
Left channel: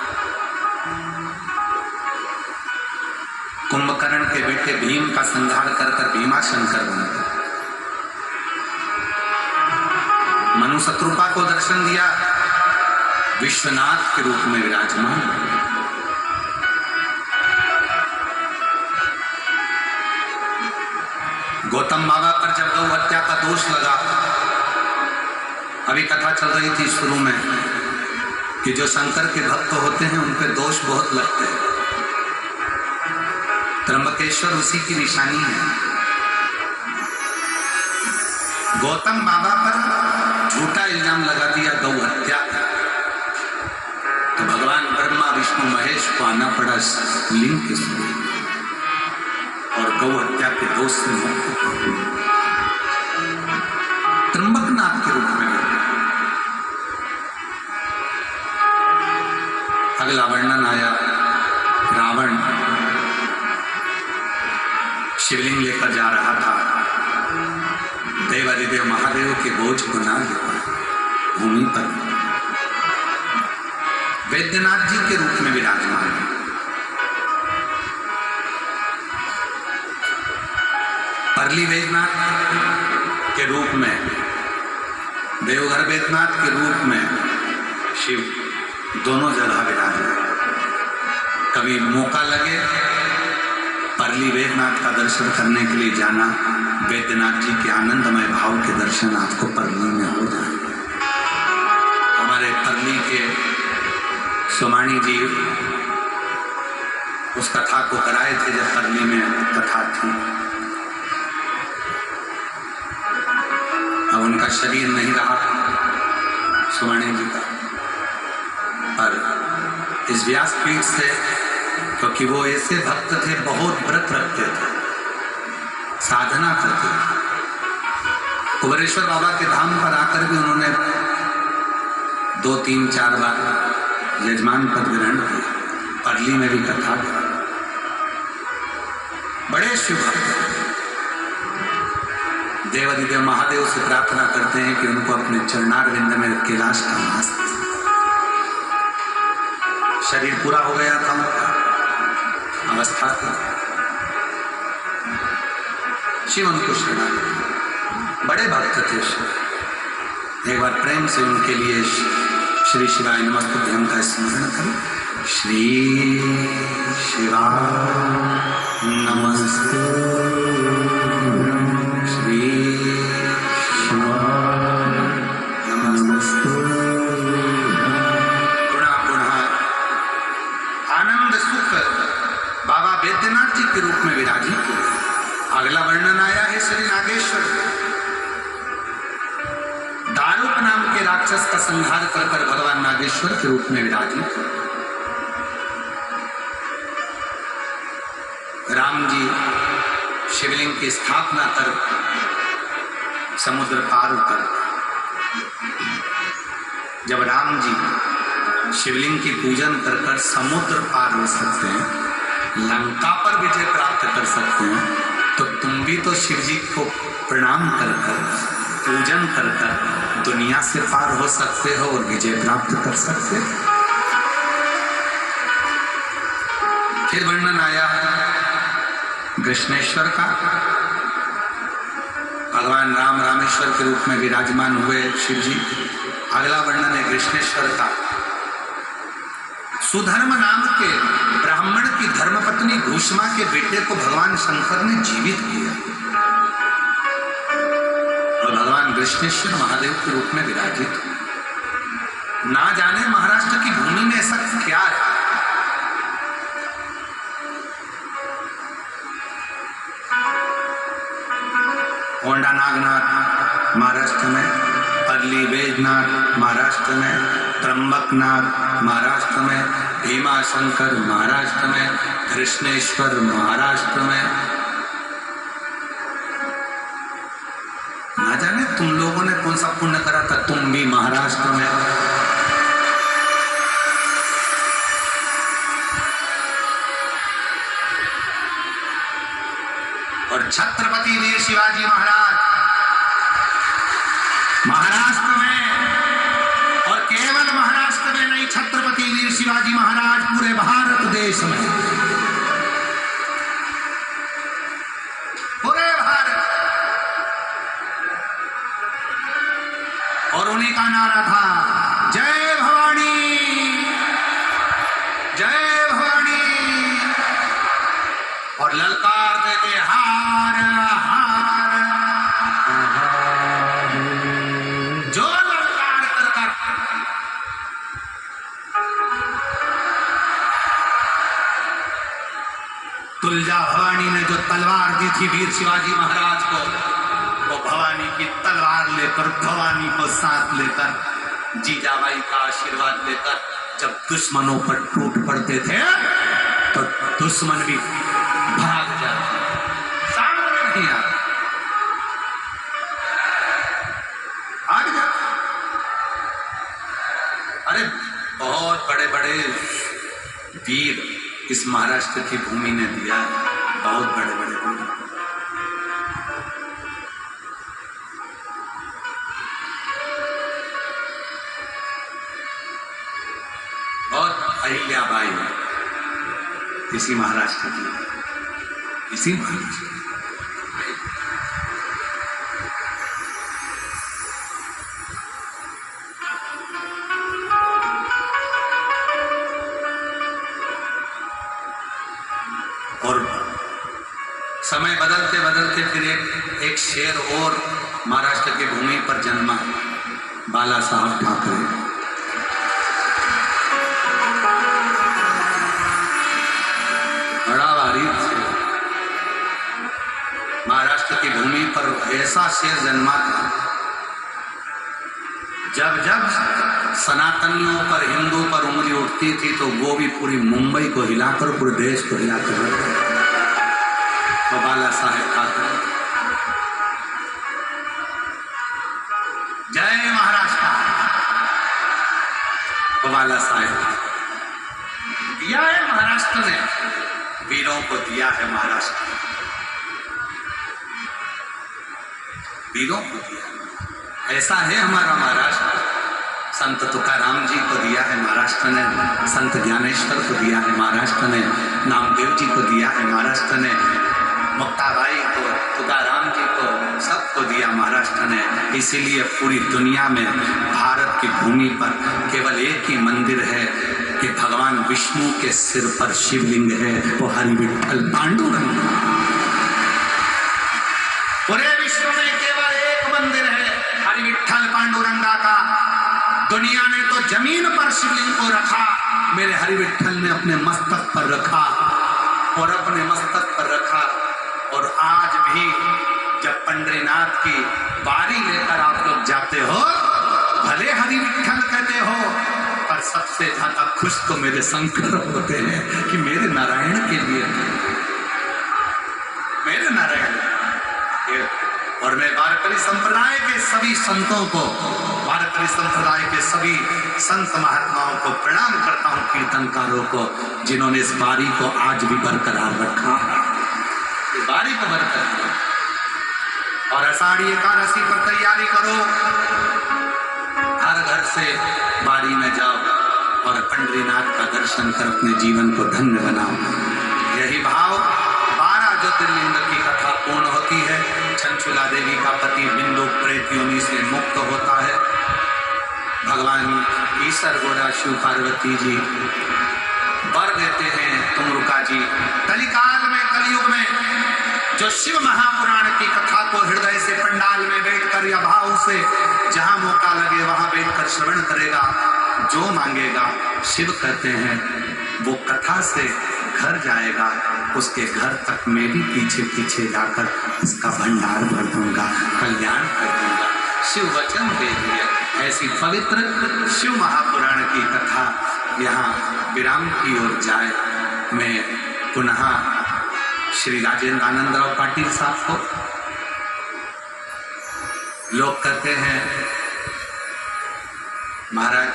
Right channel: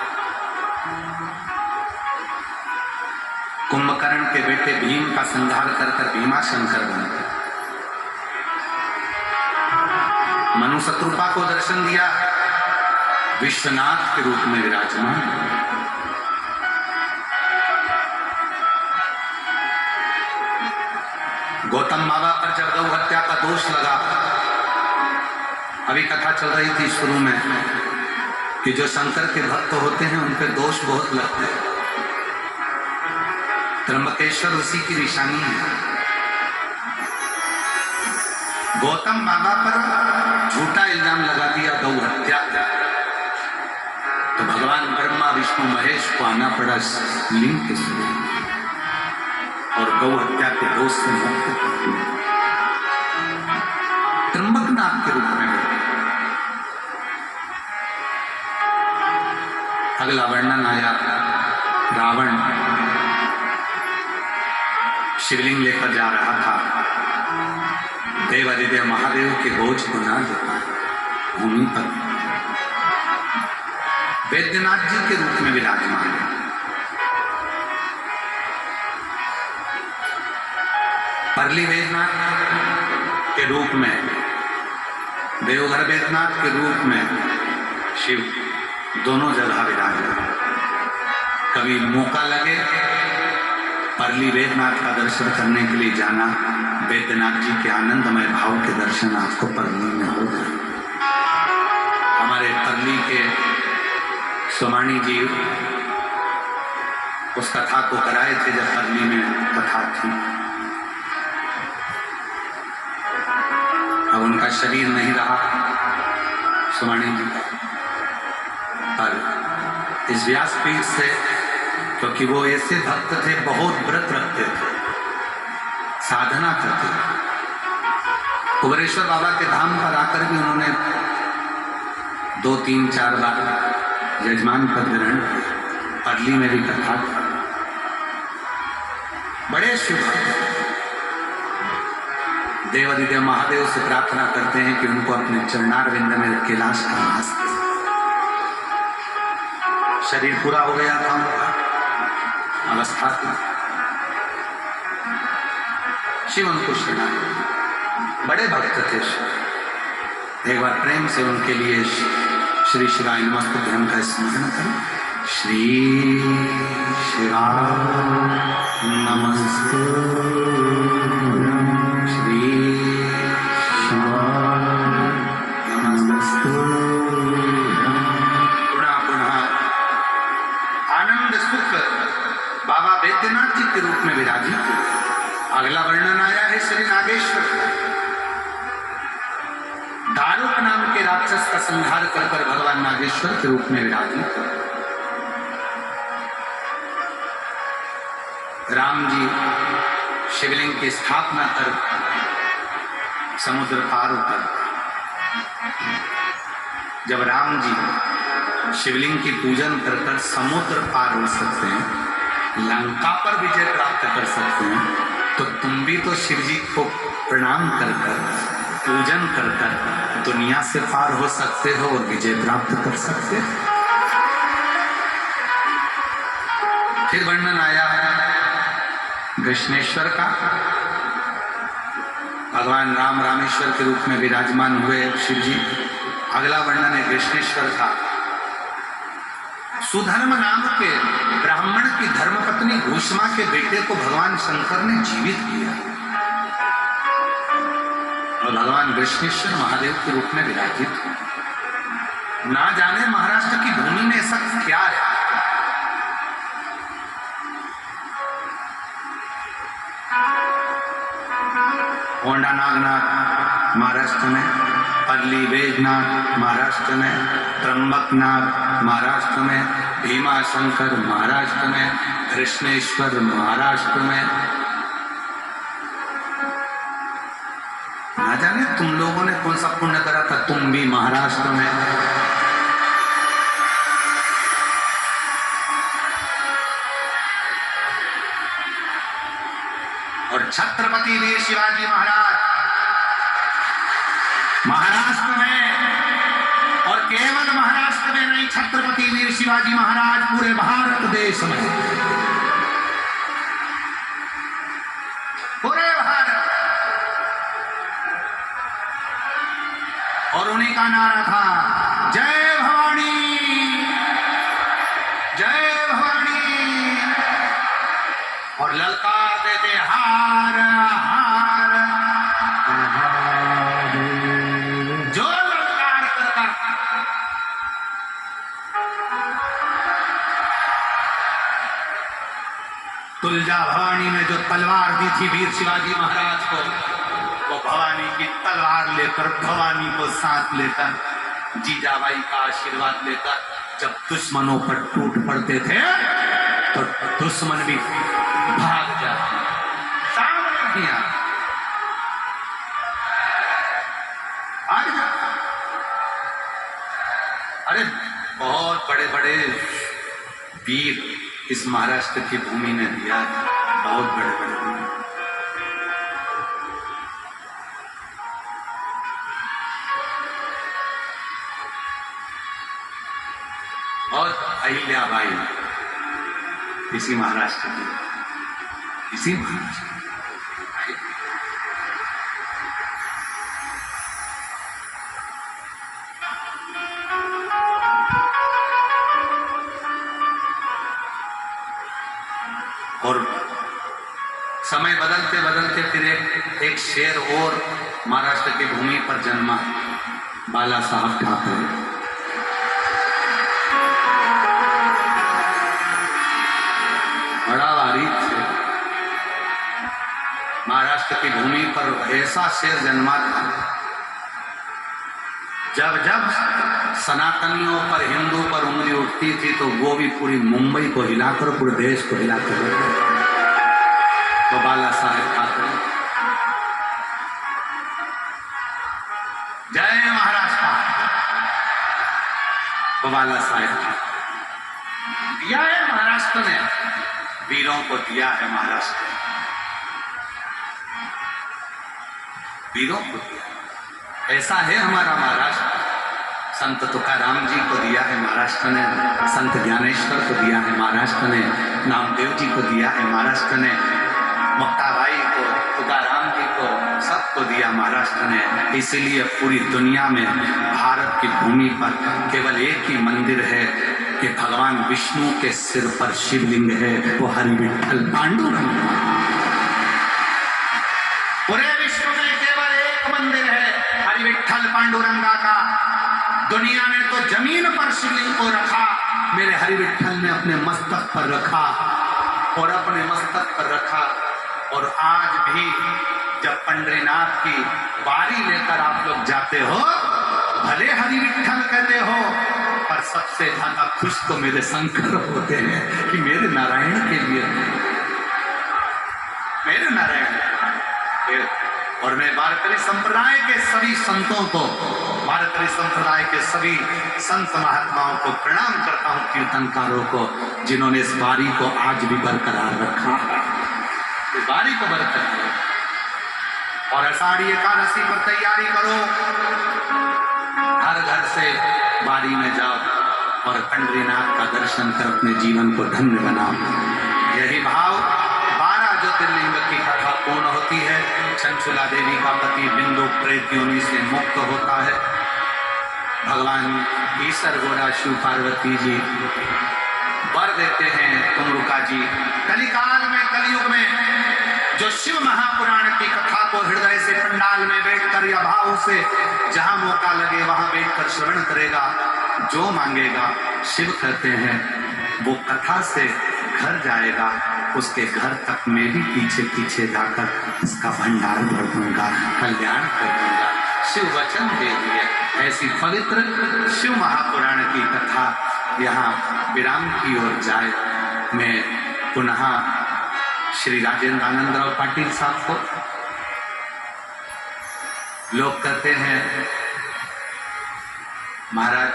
कुंभकर्ण के बेटे भीम का संहार कर कर भीमाशंकर बन गए। मनु शत्रुपा को दर्शन दिया, विश्वनाथ के रूप में विराजमान। गौतम बाबा पर जब गौ हत्या का दोष लगा, अभी कथा चल रही थी शुरू में कि जो शंकर के भक्त होते हैं उन पर दोष बहुत लगते हैं। त्र्यंबकेश्वर उसी की निशानी है। गौतम बाबा पर झूठा इल्जाम लगा दिया गौ हत्या का, तो भगवान ब्रह्मा विष्णु महेश को आना पड़ा लिंग के स्वरूप और गौ हत्या के दोष से मुक्त त्र्यंबकनाथ के रूप में। अगला वर्णन आया, रावण शिवलिंग लेकर जा रहा था, देवादिदेव महादेव के बोझ को ना दे पाए, भूमि पर वैद्यनाथ जी के रूप में विराजमान है। परली वैद्यनाथ के रूप में, देवघर वैद्यनाथ के रूप में शिव दोनों जगह विराजमान। कभी मौका लगे परली वैद्यनाथ का दर्शन करने के लिए जाना, वैद्यनाथ जी के आनंदमय भाव के दर्शन आपको परली में हो जाए। हमारे परली के सोमाणी जी उस कथा को कराए थे जब परली में कथा थी। अब उनका शरीर नहीं रहा सोमाणी जी का, पर इस व्यासपीठ से, क्योंकि वो ऐसे भक्त थे, बहुत व्रत रखते थे, साधना करते थे। कुबेरेश्वर बाबा के धाम पर आकर भी उन्होंने 2-3-4 बार यजमान पद ग्रहण किया। परली में भी कथा की। बड़े शिव भक्त देवादिदेव महादेव से प्रार्थना करते हैं कि उनको अपने चरणारविंद में कैलाश का वास दे। शरीर पूरा हो गया था उनका, अवस्था थी, शिव उनको सुना। बड़े भक्त थे शिव। एक बार प्रेम से उनके लिए श्री शिवाय नमस्तुभ्यं का स्मरण करें। श्री शिवाय नमस्तुभ्यं, श्री शिवाय नमस्तुभ्यं। पुनः आनंद सुख बाबा वैद्यनाथ जी के रूप में विराजित हुए। अगला वर्णन आया है श्री नागेश्वर का। दारुक नाम के राक्षस का संहार कर कर भगवान नागेश्वर के रूप में विराजित हुए। राम जी शिवलिंग की स्थापना कर समुद्र पार उतर। जब राम जी शिवलिंग की पूजन कर कर समुद्र पार हो सकते हैं, लंका पर विजय प्राप्त कर सकते हैं, तो तुम भी तो शिव जी को प्रणाम कर कर, पूजन कर कर दुनिया से पार हो सकते हो और विजय प्राप्त कर सकते हो। फिर वर्णन आया कृष्णेश्वर का। भगवान राम रामेश्वर के रूप में विराजमान हुए शिव जी। अगला वर्णन है कृष्णेश्वर का। सुधर्म नाम के ब्राह्मण की धर्मपत्नी भूषमा के बेटे को भगवान शंकर ने जीवित किया और भगवान कृष्णेश्वर महादेव के रूप में विराजित हुए। ना जाने महाराष्ट्र की भूमि में ऐसा क्या है। होंडा नागनाथ महाराष्ट्र में, परली बैजनाथ महाराष्ट्र में, त्र्यंबकनाथ महाराष्ट्र में, भीमाशंकर महाराष्ट्र में, कृष्णेश्वर महाराष्ट्र में। ना जाने तुम लोगों ने कौन सा पुण्य करा था, तुम भी महाराष्ट्र में। और छत्रपति वीर शिवाजी महाराज महाराष्ट्र में, और केवल महाराष्ट्र में नहीं, छत्रपति वीर शिवाजी महाराज पूरे भारत देश में, पूरे भारत। और उन्हीं का नारा था जय भवानी, जय भवानी, और ललकार देते हार हार, जो ललकार कर कर तुलजा भवानी ने जो तलवार दी थी वीर शिवाजी महाराज को, वो भवानी की तलवार लेकर, भवानी को साथ लेकर, जीजाबाई का आशीर्वाद लेकर जब दुश्मनों पर टूट पड़ते थे तो दुश्मन भी भाग जाते, सामने नहीं आते, भाग जाते। अरे बहुत बड़े बड़े वीर इस महाराष्ट्र की भूमि ने दिया, बहुत बड़े बड़े वीर। और अहिल्याबाई इसी महाराष्ट्र की, इसी महाराष्ट्र की। और समय बदलते बदलते फिर एक शेर और महाराष्ट्र की भूमि पर जन्मा, बाला साहब ठाकरे। बड़ा बारीक थे, महाराष्ट्र की भूमि पर ऐसा शेर जन्मा था, जब जब सनातनियों पर, हिंदू पर उंगली उठती थी तो वो भी पूरी मुंबई को हिलाकर, पूरे देश को हिलाकर, तो बाला साहेब ठाकरे। जय महाराष्ट्र, तो बाला साहेब ठाकरे। दिया है महाराष्ट्र ने, वीरों को दिया है महाराष्ट्र, वीरों को दिया। ऐसा है हमारा महाराष्ट्र। संत तुकाराम जी को दिया है महाराष्ट्र ने, संत ज्ञानेश्वर को दिया है महाराष्ट्र ने, नामदेव जी को दिया है महाराष्ट्र ने, मुक्ताबाई को, तुकाराम जी को, सबको दिया महाराष्ट्र ने। इसीलिए पूरी दुनिया में भारत की भूमि पर केवल एक ही मंदिर है कि भगवान विष्णु के सिर पर शिवलिंग है, वो हरि विठ्ठल पांडुरंग। पूरे विश्व में केवल एक मंदिर है हरि विठ्ठल पांडुरंगा का। दुनिया ने तो जमीन पर शिवलिंग को रखा, मेरे हरि विठ्ठल ने अपने मस्तक पर रखा, और अपने मस्तक पर रखा। और आज भी जब पंढरीनाथ की बारी लेकर आप लोग जाते हो, भले हरि विठ्ठल कहते हो, पर सबसे ज्यादा खुश तो मेरे शंकर होते हैं कि मेरे नारायण के लिए, मेरे नारायण। और मैं वारकरी संप्रदाय के सभी संतों को, वारकरी संप्रदाय के सभी संत महात्माओं को प्रणाम करता हूँ, कीर्तनकारों को, जिन्होंने इस बारी को आज भी बरकरार रखा, इस बारी को बरकरार रखा। और आषाढ़ी एकादशी पर तैयारी करो, हर घर से बारी में जाओ और पंढरीनाथ का दर्शन कर अपने जीवन को धन्य बनाओ। यही भाव 12 ज्योतिर्लिंग की कथा पूर्ण होती है। चंचुला देवी का पति बिंदु प्रेत योनि से मुक्त होता है। भगवान ईश्वर गोरा शिव पार्वती जी वर देते हैं तुमरुका जी। कलिकाल में, कलयुग में जो शिव महापुराण की कथा को हृदय से पंडाल में बैठकर या भाव से जहां मौका लगे वहां बैठकर श्रवण करेगा, जो मांगेगा शिव कहते हैं वो कथा से घर जाएगा, उसके घर तक मैं भी पीछे पीछे जाकर उसका भंडार भर दूंगा, कल्याण कर दूंगा। शिव वचन दे दिए। ऐसी पवित्र शिव महापुराण की कथा यहाँ विराम की ओर जाए। मैं पुनः श्री राजेंद्र आनंदराव पाटिल साहब को, लोग कहते हैं महाराज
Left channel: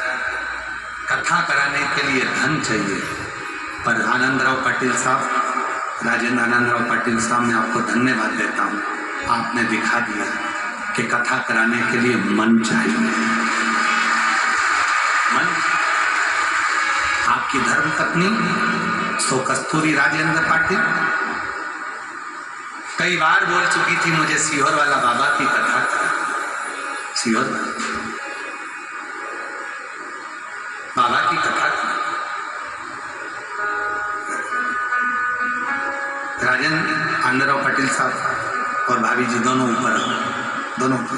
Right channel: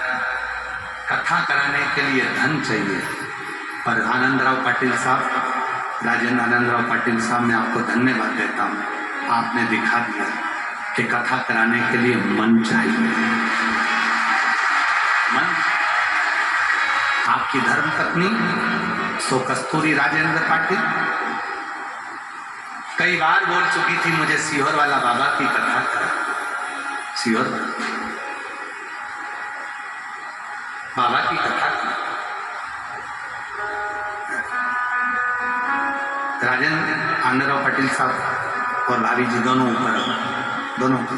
कथा कराने के लिए धन चाहिए, पर आनंदराव पाटिल साहब राजेंद्र आनंदराव पाटिल साहब, मैं आपको धन्यवाद देता हूँ। आपने दिखा दिया कि कथा कराने के लिए मन चाहिए, मन। आपकी धर्म पत्नी सो कस्तूरी राजेंद्र पाटिल कई बार बोल चुकी थी, मुझे सीहोर वाला बाबा की कथा करा। सीहोर वाला बाबा की कथा करा। राजेंद्र आनंदराव पाटिल साहब और भाभी जी दोनों ऊपर, दोनों ऊपर।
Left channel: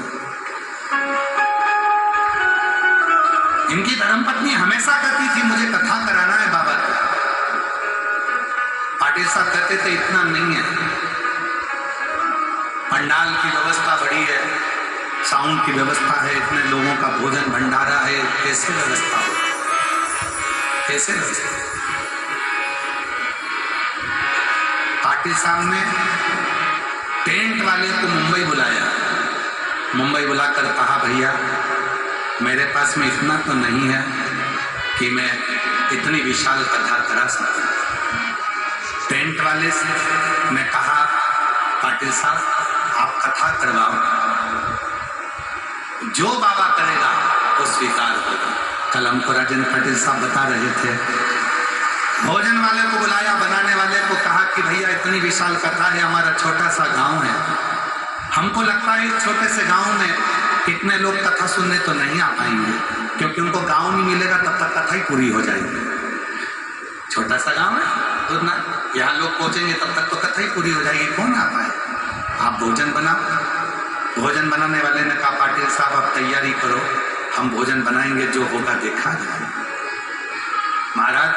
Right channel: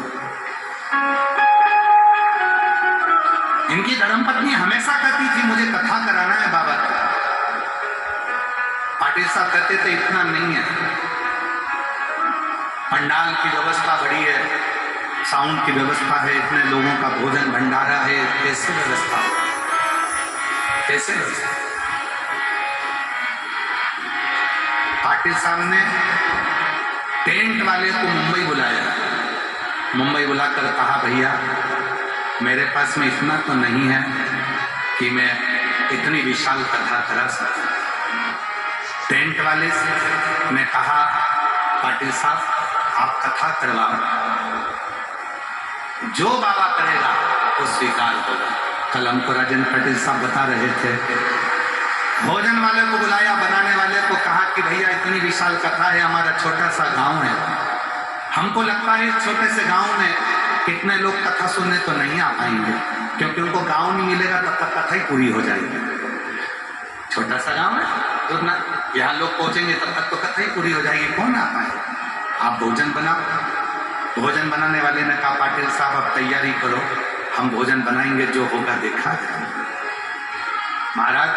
इनकी धर्मपत्नी हमेशा कहती थी, मुझे कथा कराना है बाबा की। पाटिल साहब कहते थे, इतना नहीं है, पंडाल की व्यवस्था बड़ी है, साउंड की व्यवस्था है, इतने लोगों का भोजन भंडारा है, कैसे व्यवस्था हो, कैसे व्यवस्था। पाटिल साहब ने टेंट वाले को मुंबई बुलाया, मुंबई बुलाकर कहा, भैया मेरे पास में इतना तो नहीं है कि मैं इतनी विशाल कथा करा सकूं। टेंट वाले ने कहा, पाटिल साहब आप कथा करवाओ, जो बाबा करेगा वो स्वीकार होगा। कल हमको राजेंद्र पाटिल साहब बता रहे थे, भोजन वाले को बुलाया, बनाने वाले को कहा कि भैया इतनी विशाल कथा है, हमारा छोटा सा गांव है, हमको लगता है इस छोटे से गांव में कितने लोग कथा सुनने तो नहीं आ पाएंगे, क्योंकि उनको गांव नहीं मिलेगा तब तक कथा ही पूरी हो जाएगी। छोटा सा गांव है, तो ना यहाँ लोग पहुंचेंगे तब तक तो कथा ही पूरी हो जाएगी, कौन आ पाए। आप भोजन बनाओ। भोजन बनाने वाले ने कहा, पाटिल साहब आप तैयारी करो, हम भोजन बनाएंगे, जो होगा देखा जाए। महाराज,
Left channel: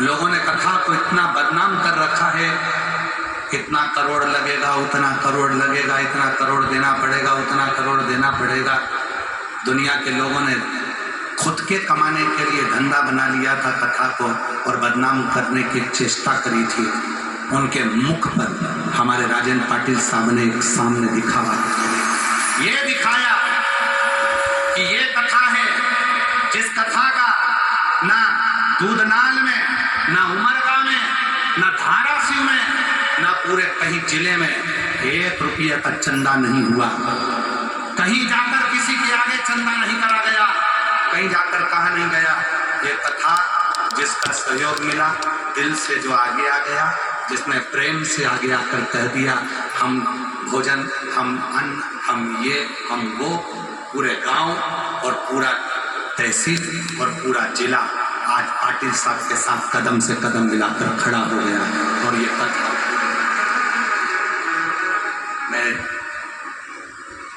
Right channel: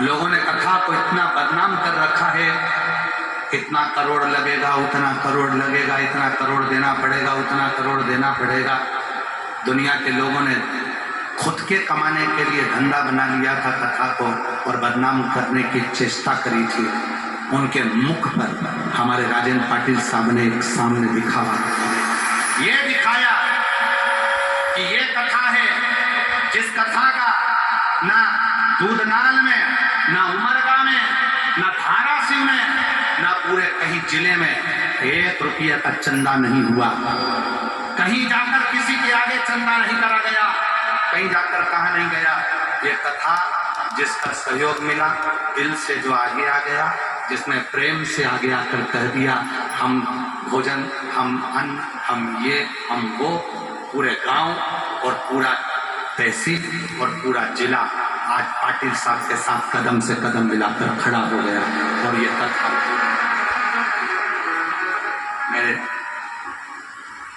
लोगों ने कथा को इतना बदनाम कर रखा है, इतना करोड़ लगेगा, उतना करोड़ लगेगा, इतना करोड़ देना पड़ेगा, उतना करोड़ देना पड़ेगा। दुनिया के लोगों ने खुद के कमाने के लिए धंधा बना लिया था कथा को, और बदनाम करने की चेष्टा करी थी। उनके मुख पर हमारे राजेंद्र पाटिल साहब ने एक सामने दिखावा, ये दिखाया कि ये कथा है जिस कथा का ना दूधनाल में, ना उमरगा में, ना धाराशिव में, ना पूरे कहीं जिले में 1 रुपये का चंदा नहीं हुआ। कहीं जाकर किसी के आगे चंदा नहीं करा गया, कहीं जाकर कहा नहीं गया। ये कथा जिसका सहयोग मिला, दिल से जो आगे आ गया, जिसने प्रेम से आगे आकर कह दिया, हम भोजन, हम अन्न, हम ये, हम वो, पूरे गांव और पूरा तहसील और पूरा जिला आज पाटिल साहब के साथ कदम से कदम मिलाकर खड़ा हो गया। और ये कथा मैं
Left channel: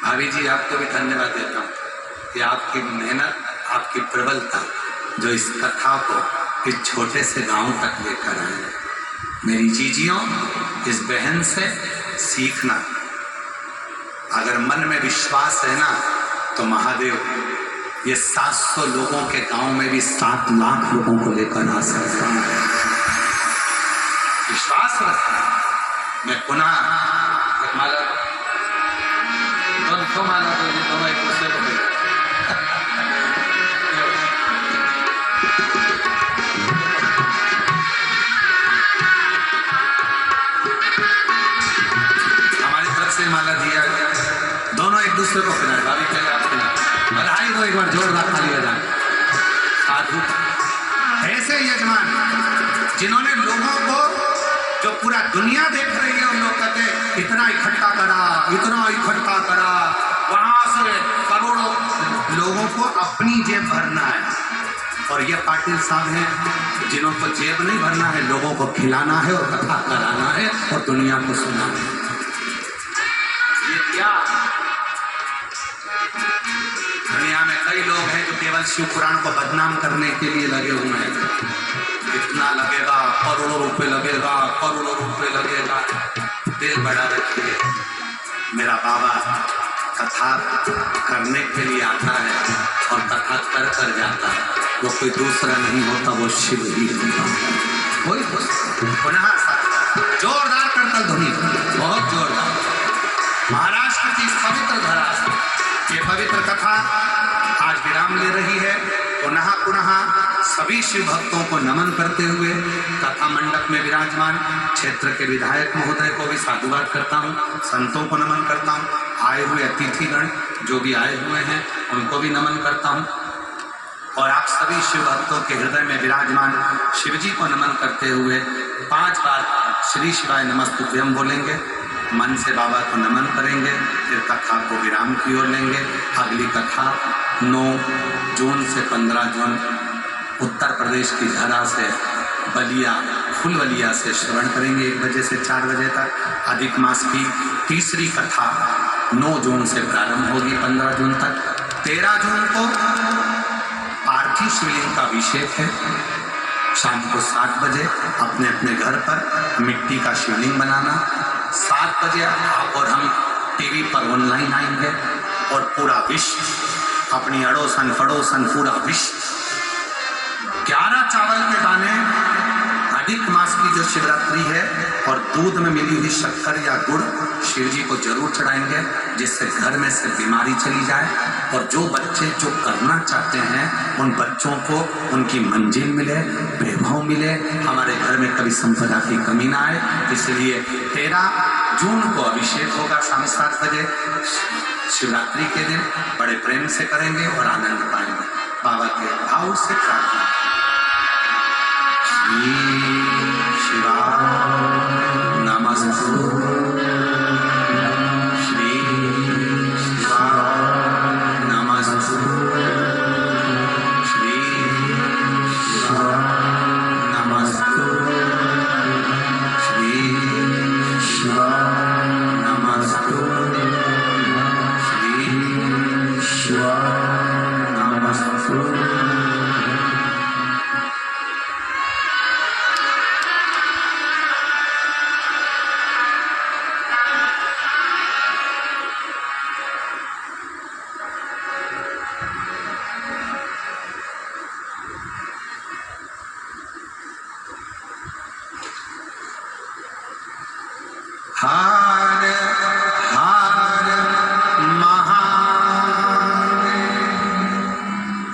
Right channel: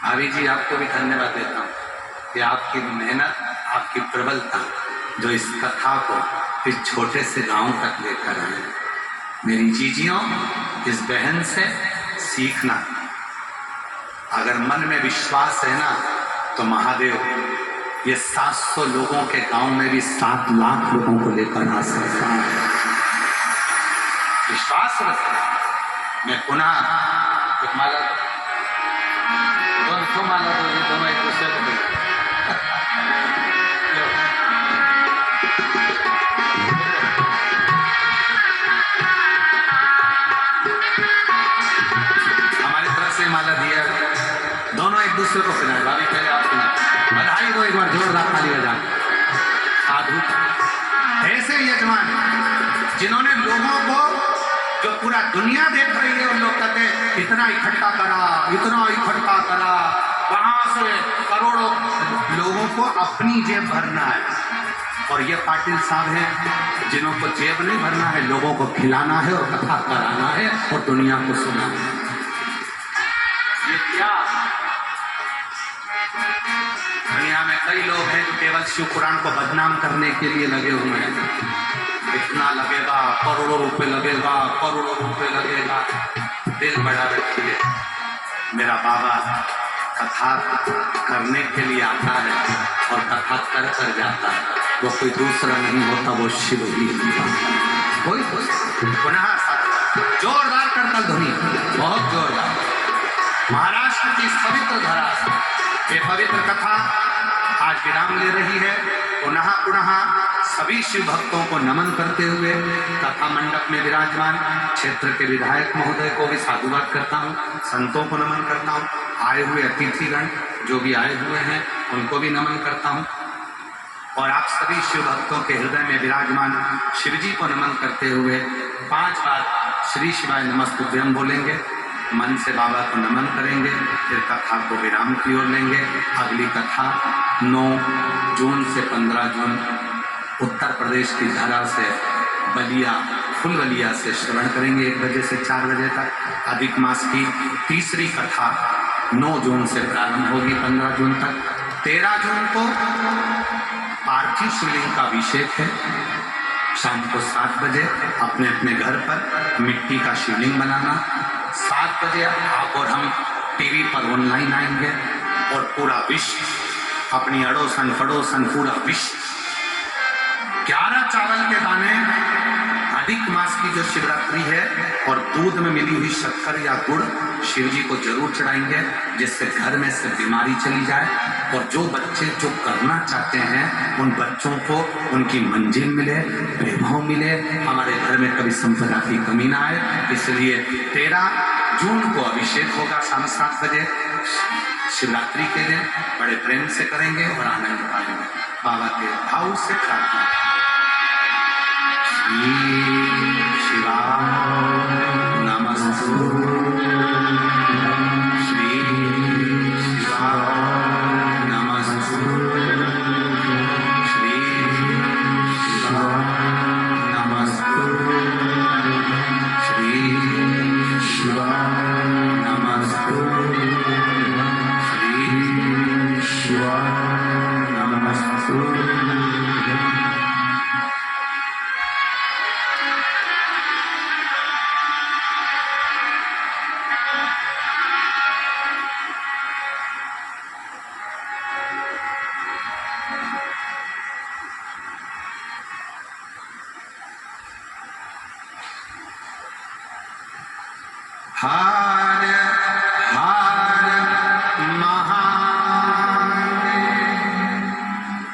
भाभी जी आपको भी धन्यवाद देता हूँ कि आपकी मेहनत, आपकी प्रबलता जो इस कथा को इस छोटे से गांव तक लेकर आए। मेरी जीजियों, इस बहन से सीखना, अगर मन में विश्वास है ना तो महादेव ये 700 लोगों के गांव में भी 7 लाख लोगों को लेकर आ सकता है। विश्वास रखना। मैं पुनः माला दोनों माला दोनों एक दूसरे को हमारी तरफ से माला दिया, दोनों एक दूसरे को खिलाए। भाभी पहले आप खिलाए, बधाई दो एक बार, जोरदार ताली बजा। साधु ऐसे यजमान जिन्होंने लोगों को, जो पूरा दुनिया देख रही है और लोग कहते हैं इतना इकट्ठा करा, इतना इकट्ठा करा, वहां से करोड़ों लोगों को अपनी जेब भरना है। और ये पाटिल साहब हैं जिन्हों को जेब नहीं भरना है, लोगों को खिलाना है और कथा कराना है और दुनिया को सुनाना है। ये क्या, दुनिया में कई लोग हैं जो केवल शिव पुराण को बदनाम करने के लिए लगे हुए हैं। इतना लगेगा, करोड़ों रुपए लगेगा, करोड़ों रुपए लगेगा। दिल बड़ा रखिए। मेरा बाबा कथा करने के लिए आता है और कथा कर कर जाता है, वो कोई दूसरा नहीं होता, वो शिव ही होता है। कोई पुनः जोरदार करतल ध्वनि, बहुत जोरदार। महाराष्ट्र की इस पवित्र धरा, ये पवित्र कथा आज विराम ले रही है। पुनः पुनः सभी शिव भक्तों को नमन करते हुए कथा मंडप में विराजमान क्षेत्र के विधायक महोदय को भी साधुवाद करता हूँ, संतों को नमन करता हूँ, आए हुए अतिथिगण जो भी आए हुए हैं उनको भी नमन करता हूँ, और आप सभी शिव भक्तों के हृदय में विराजमान शिव जी को नमन करते हुए 5 बार श्री शिवाय नमस्तुभ्यम बोलेंगे, मन से बाबा को नमन करेंगे, फिर कथा को विराम की ओर लेंगे। अगली कथा 9 जून से 15 जून उत्तर प्रदेश की धरा से बलिया फुलवलिया से श्रवण करेंगे 1 बजे से 4 बजे तक। अधिक मास की तीसरी कथा 9 जून से प्रारंभ होगी 15 जून तक। 13 जून को पार्थिव शिवलिंग का अभिषेक है। शाम को 7 बजे अपने अपने घर पर मिट्टी का शिवलिंग बनाना। 7 बजे आप और हम टीवी पर ऑनलाइन आएंगे और पूरा विश्व अपनी अड़ोसन पड़ोसन पूरा विश्व 11 चावल के दाने अधिक मास की जो शिवरात्रि है और दूध में मिली हुई शक्कर या गुड़ शिव जी को जरूर चढ़ाएंगे, जिससे घर में से बीमारी चली जाए और जो बच्चे जो करना चाहते हैं उन बच्चों को उनकी मंजिल मिले, वैभव मिले, हमारे घर में कभी संपदा की कमी ना आए। इसलिए 13 जून को अभिषेक होगा शाम 7 बजे। शिवरात्रि के दिन बड़े प्रेम से करेंगे और आनंद पाएंगे। बाबा के भाव से प्रार्थना। श्री शिवाय नमस्तुभ्यं। श्री शिवाय नमस्तुभ्यं। श्री शिवाय नमस्तुभ्यं। श्री शिवाय नमस्तुभ्यं। श्री शिवाय नमस्तुभ्यं। हर हर महादेव।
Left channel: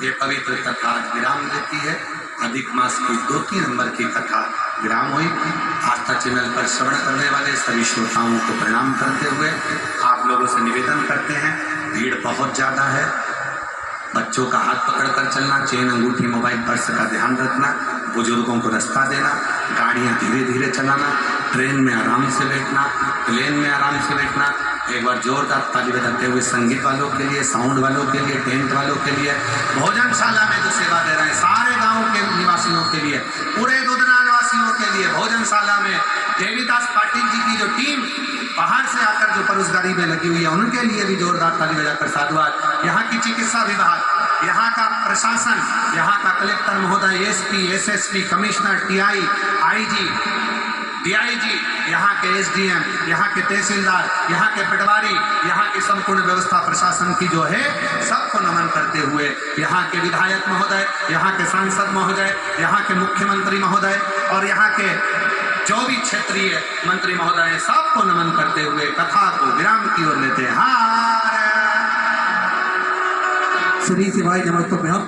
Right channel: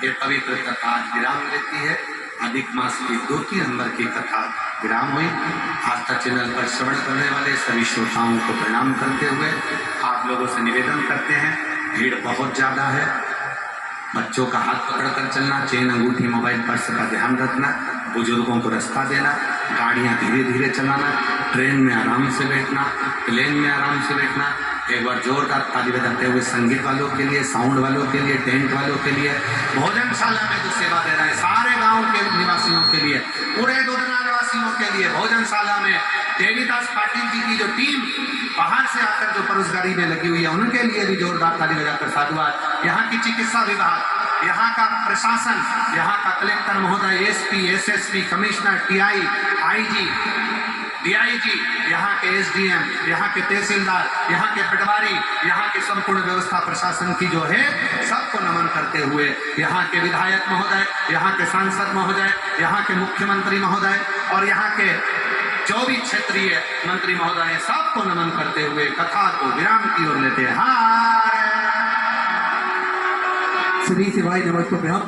ये पवित्र कथा आज विराम लेती है। अधिक मास की 2-3 नंबर की कथा विराम हुई। आस्था चैनल पर श्रवण करने वाले सभी श्रोताओं को प्रणाम करते हुए आप लोगों से निवेदन करते हैं, भीड़ बहुत ज्यादा है, बच्चों का हाथ पकड़कर चलना, चेन अंगूठी मोबाइल पर्स का ध्यान रखना, बुजुर्गों को रास्ता देना, गाड़ियां धीरे धीरे चलाना, ट्रेन में आराम से बैठना, प्लेन में आराम से बैठना। एक बार जोरदार ताली बजाते हुए संगीत वालों के लिए, साउंड वालों के लिए, टेंट वालों के लिए, भोजनशाला में जो सेवा दे रहे हैं सारे गांव के निवासियों के लिए, पूरे दुधनाल वासियों के लिए, भोजनशाला में देवीदास पाटिल जी की जो टीम बाहर से आकर जो परोसगारी में लगी हुई है उनके लिए भी जोरदार ताली बजाकर साधुवाद। यहाँ की चिकित्सा विभाग, यहाँ का प्रशासन, यहाँ का कलेक्टर महोदय, SP, SSP, commissioner, TI, IG, DIG, यहाँ के एसडीएम, यहाँ के तहसीलदार, यहाँ के पटवारी, यहाँ की संपूर्ण व्यवस्था प्रशासन की जो है सबको नमन करते हुए यहाँ के विधायक महोदय, यहाँ के सांसद महोदय, यहाँ के मुख्यमंत्री महोदय और यहाँ के जो भी क्षेत्रीय मंत्री महोदय, सबको नमन करते हुए कथा को विराम की ओर लेते हैं। श्री शिवाय नमस्तुभ्यं।